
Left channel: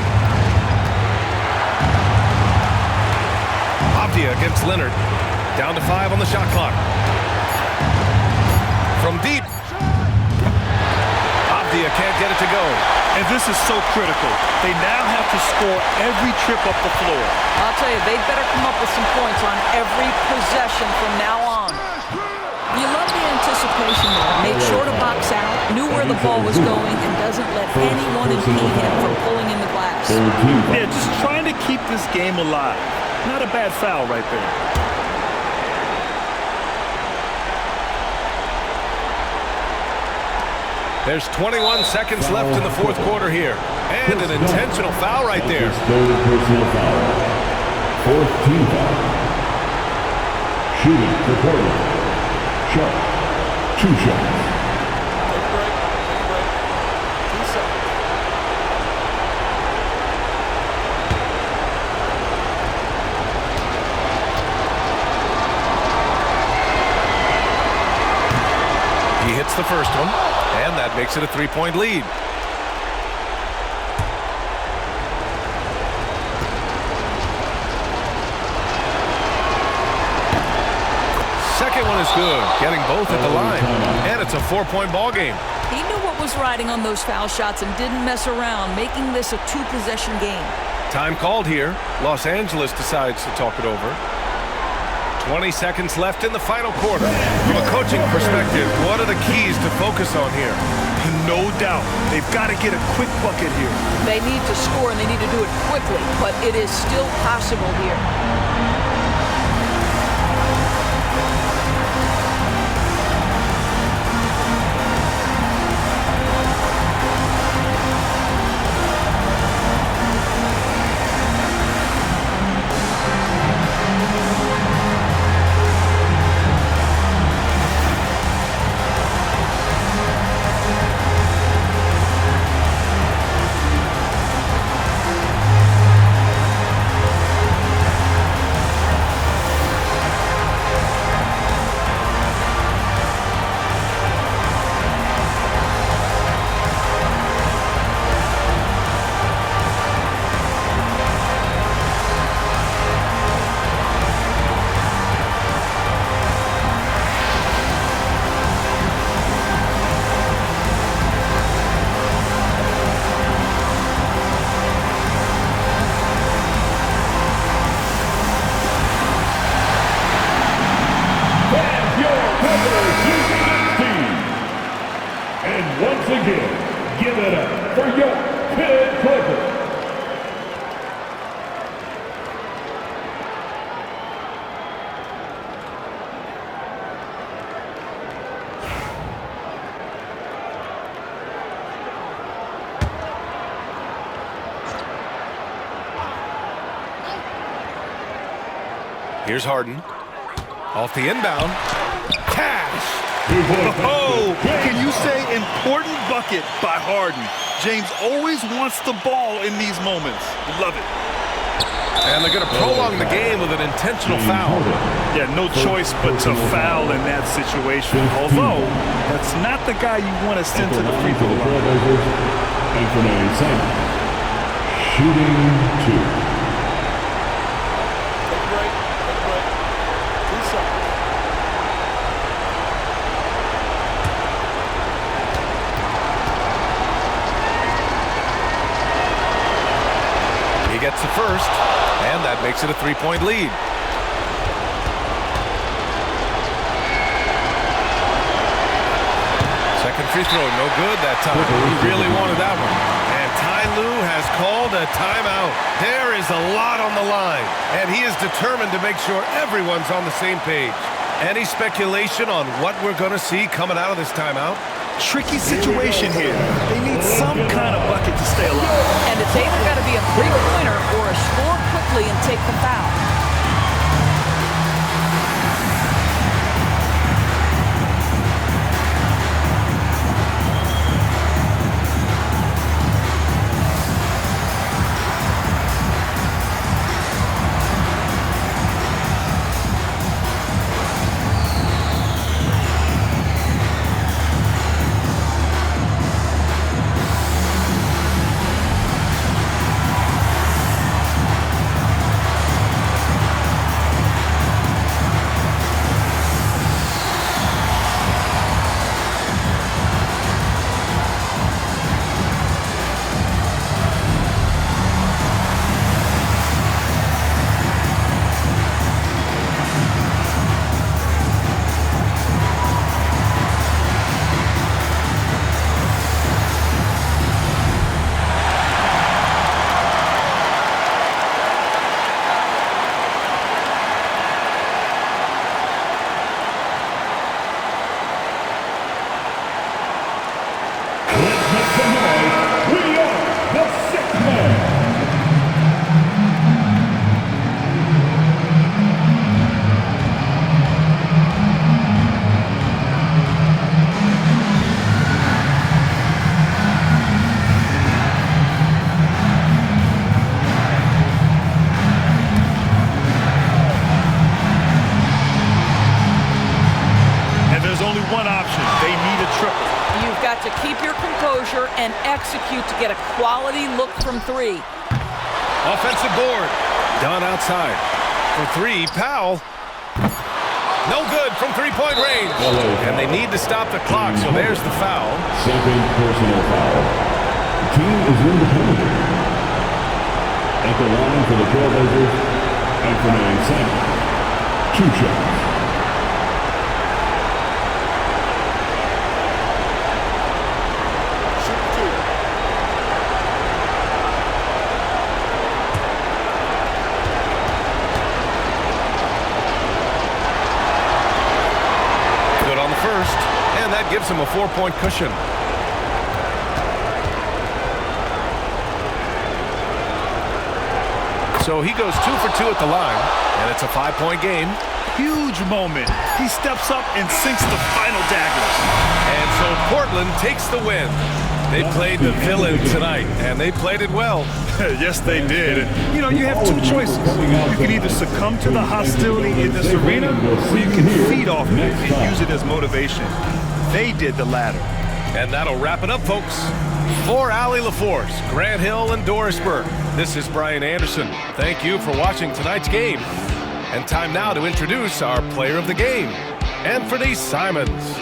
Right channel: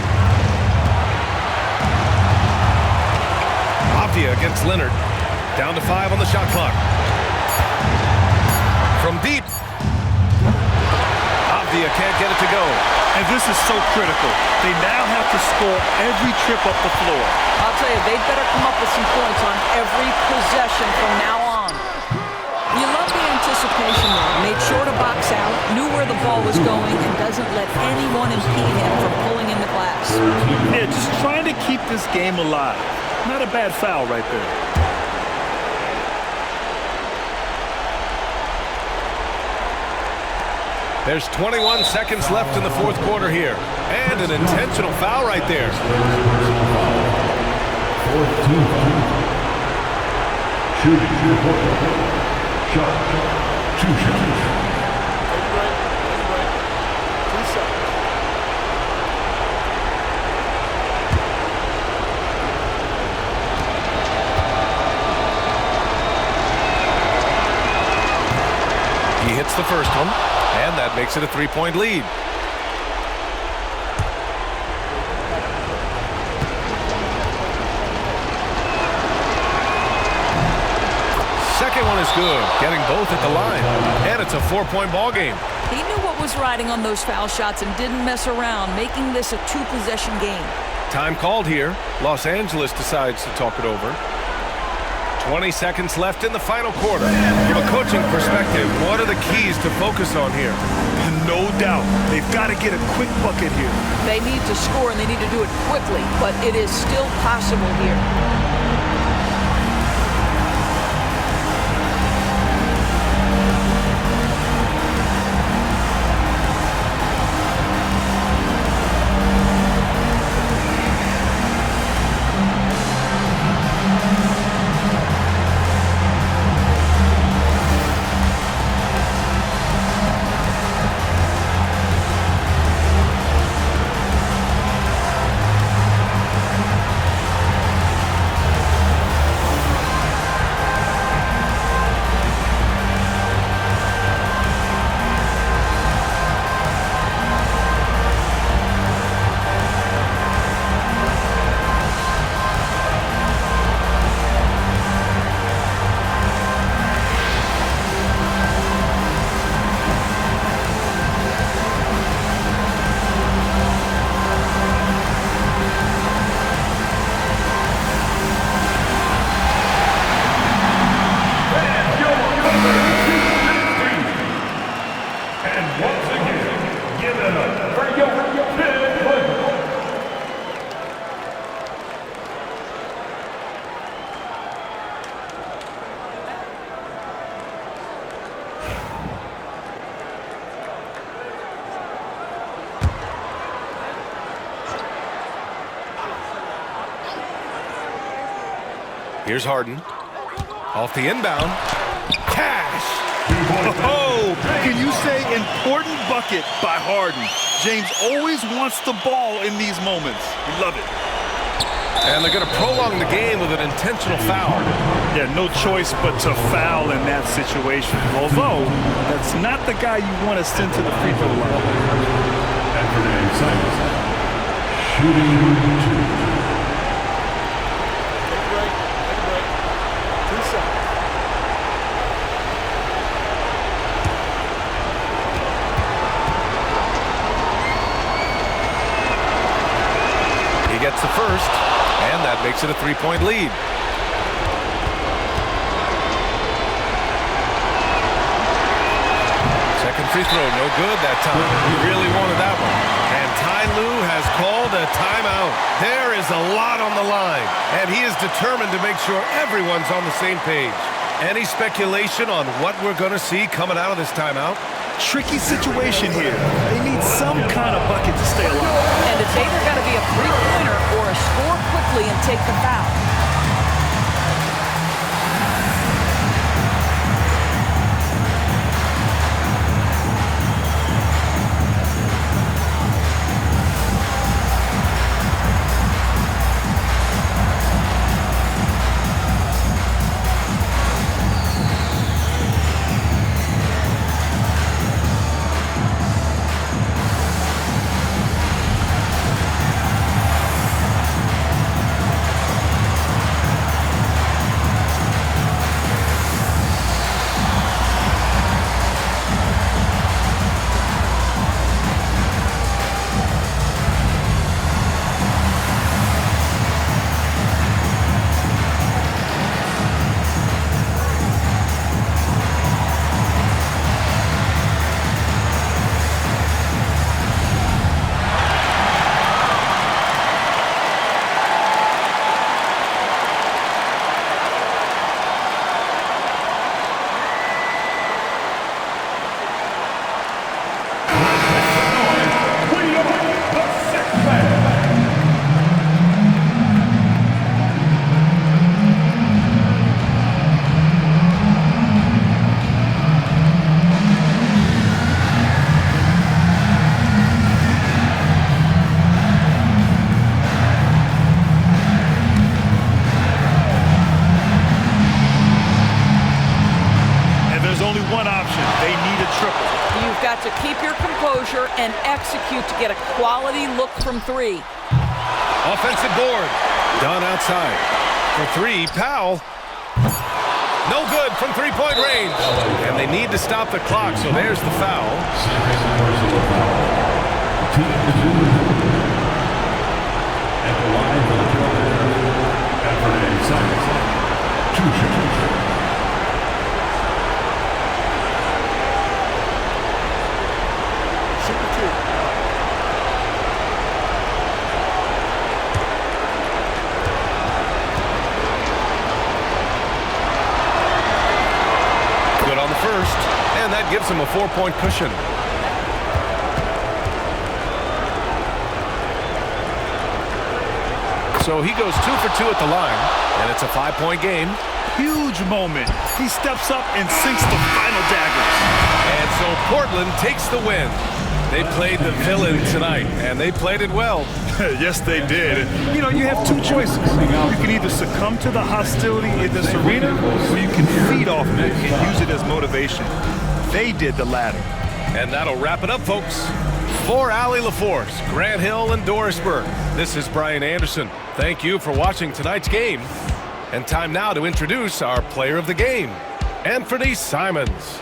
Avdia against Leonard. Down to 5 on the shot clock. From deep. Avdia can't get it to go. And this is so critical. They now have to score every trip up the floor. I'll tell you, they'd better come up with some points on every possession from now on. You love the anticipation there. Made sure to box out, knew where the ball was going, and doesn't let anyone impede him from pulling in the glass. Yeah, just trying to keep this game alive. Not a bad foul right there. There's 21 seconds left in the 4th quarter here. And an intentional foul right there. 3rd personal foul. 4th team foul. Shooting for Portland. Sharp. 2 shots. Take a break. Take a break. 2 shots. He hits the first one, and that makes it a 3-point lead. Second one is good, getting both at the line, and it's a 4-point ball game. He knew what was riding on those foul shots and didn't mess around, making this a 2-possession game. Time called here. Los Angeles decides to talk it over. 20 seconds left in the final quarter. From a coaching perspective, what are the keys to focus on here? No doubt. They've got to get a quick bucket here. They need to score, and they need to do it quickly, but it is still possible here. And once again, give it up for your Pitt Clippers. Here's Harden. Off the inbound. Cash! Oh, can you say important bucket by Harden? James always wants the ball in these moments. You love it. And they're going to prolong the game with an intentional foul. Yeah, no choice but to foul in that situation. Although, that's not the guy you want to send to the free throw line. And Simons, shooting 2. Take a break. Take a break. 2 shots. He gets the first, and that makes it a 3-point lead. Second free throw, no good that time. He really wanted that one. And Ty Lue has called a timeout. There is a lot on the line, and he is determined to make sure everyone's on the same page. Any speculation on what we're going to see coming out of this timeout? Tricky situation here. They need some kind of bucket to stay alive. And it's either got to be a three-pointer or a score quickly and take the foul. There's only one option. They need a triple. You've got to keep your composure and execute to get a quality look from three. Offensive board. Done outside. For three, Powell. No good from three-point range. And they need to stop the clock, so there's the foul. Second personal foul. The team is in the penalty. At the line for the Trailblazers, Anthony Simons. 2 shots. Good on the first, and that gives him a 4-point cushion. So he goes 2 for 2 at the line, and it's a 5-point game. Huge moment. He steps up and sinks the final daggers. And so Portland takes the win. They played the villain tonight, and they played it well. Yes, they did. You know, you have 2 choices. You can either succumb to the hostility in this arena, or you can feed off of it and use it as motivation. They did the latter. And that'll wrap it up, folks. For Allie LaForce, Grant Hill, and Doris Burke, this is Brian Anderson. Thank you for watching tonight's game. And time now to introduce our player of the game, Anthony Simons.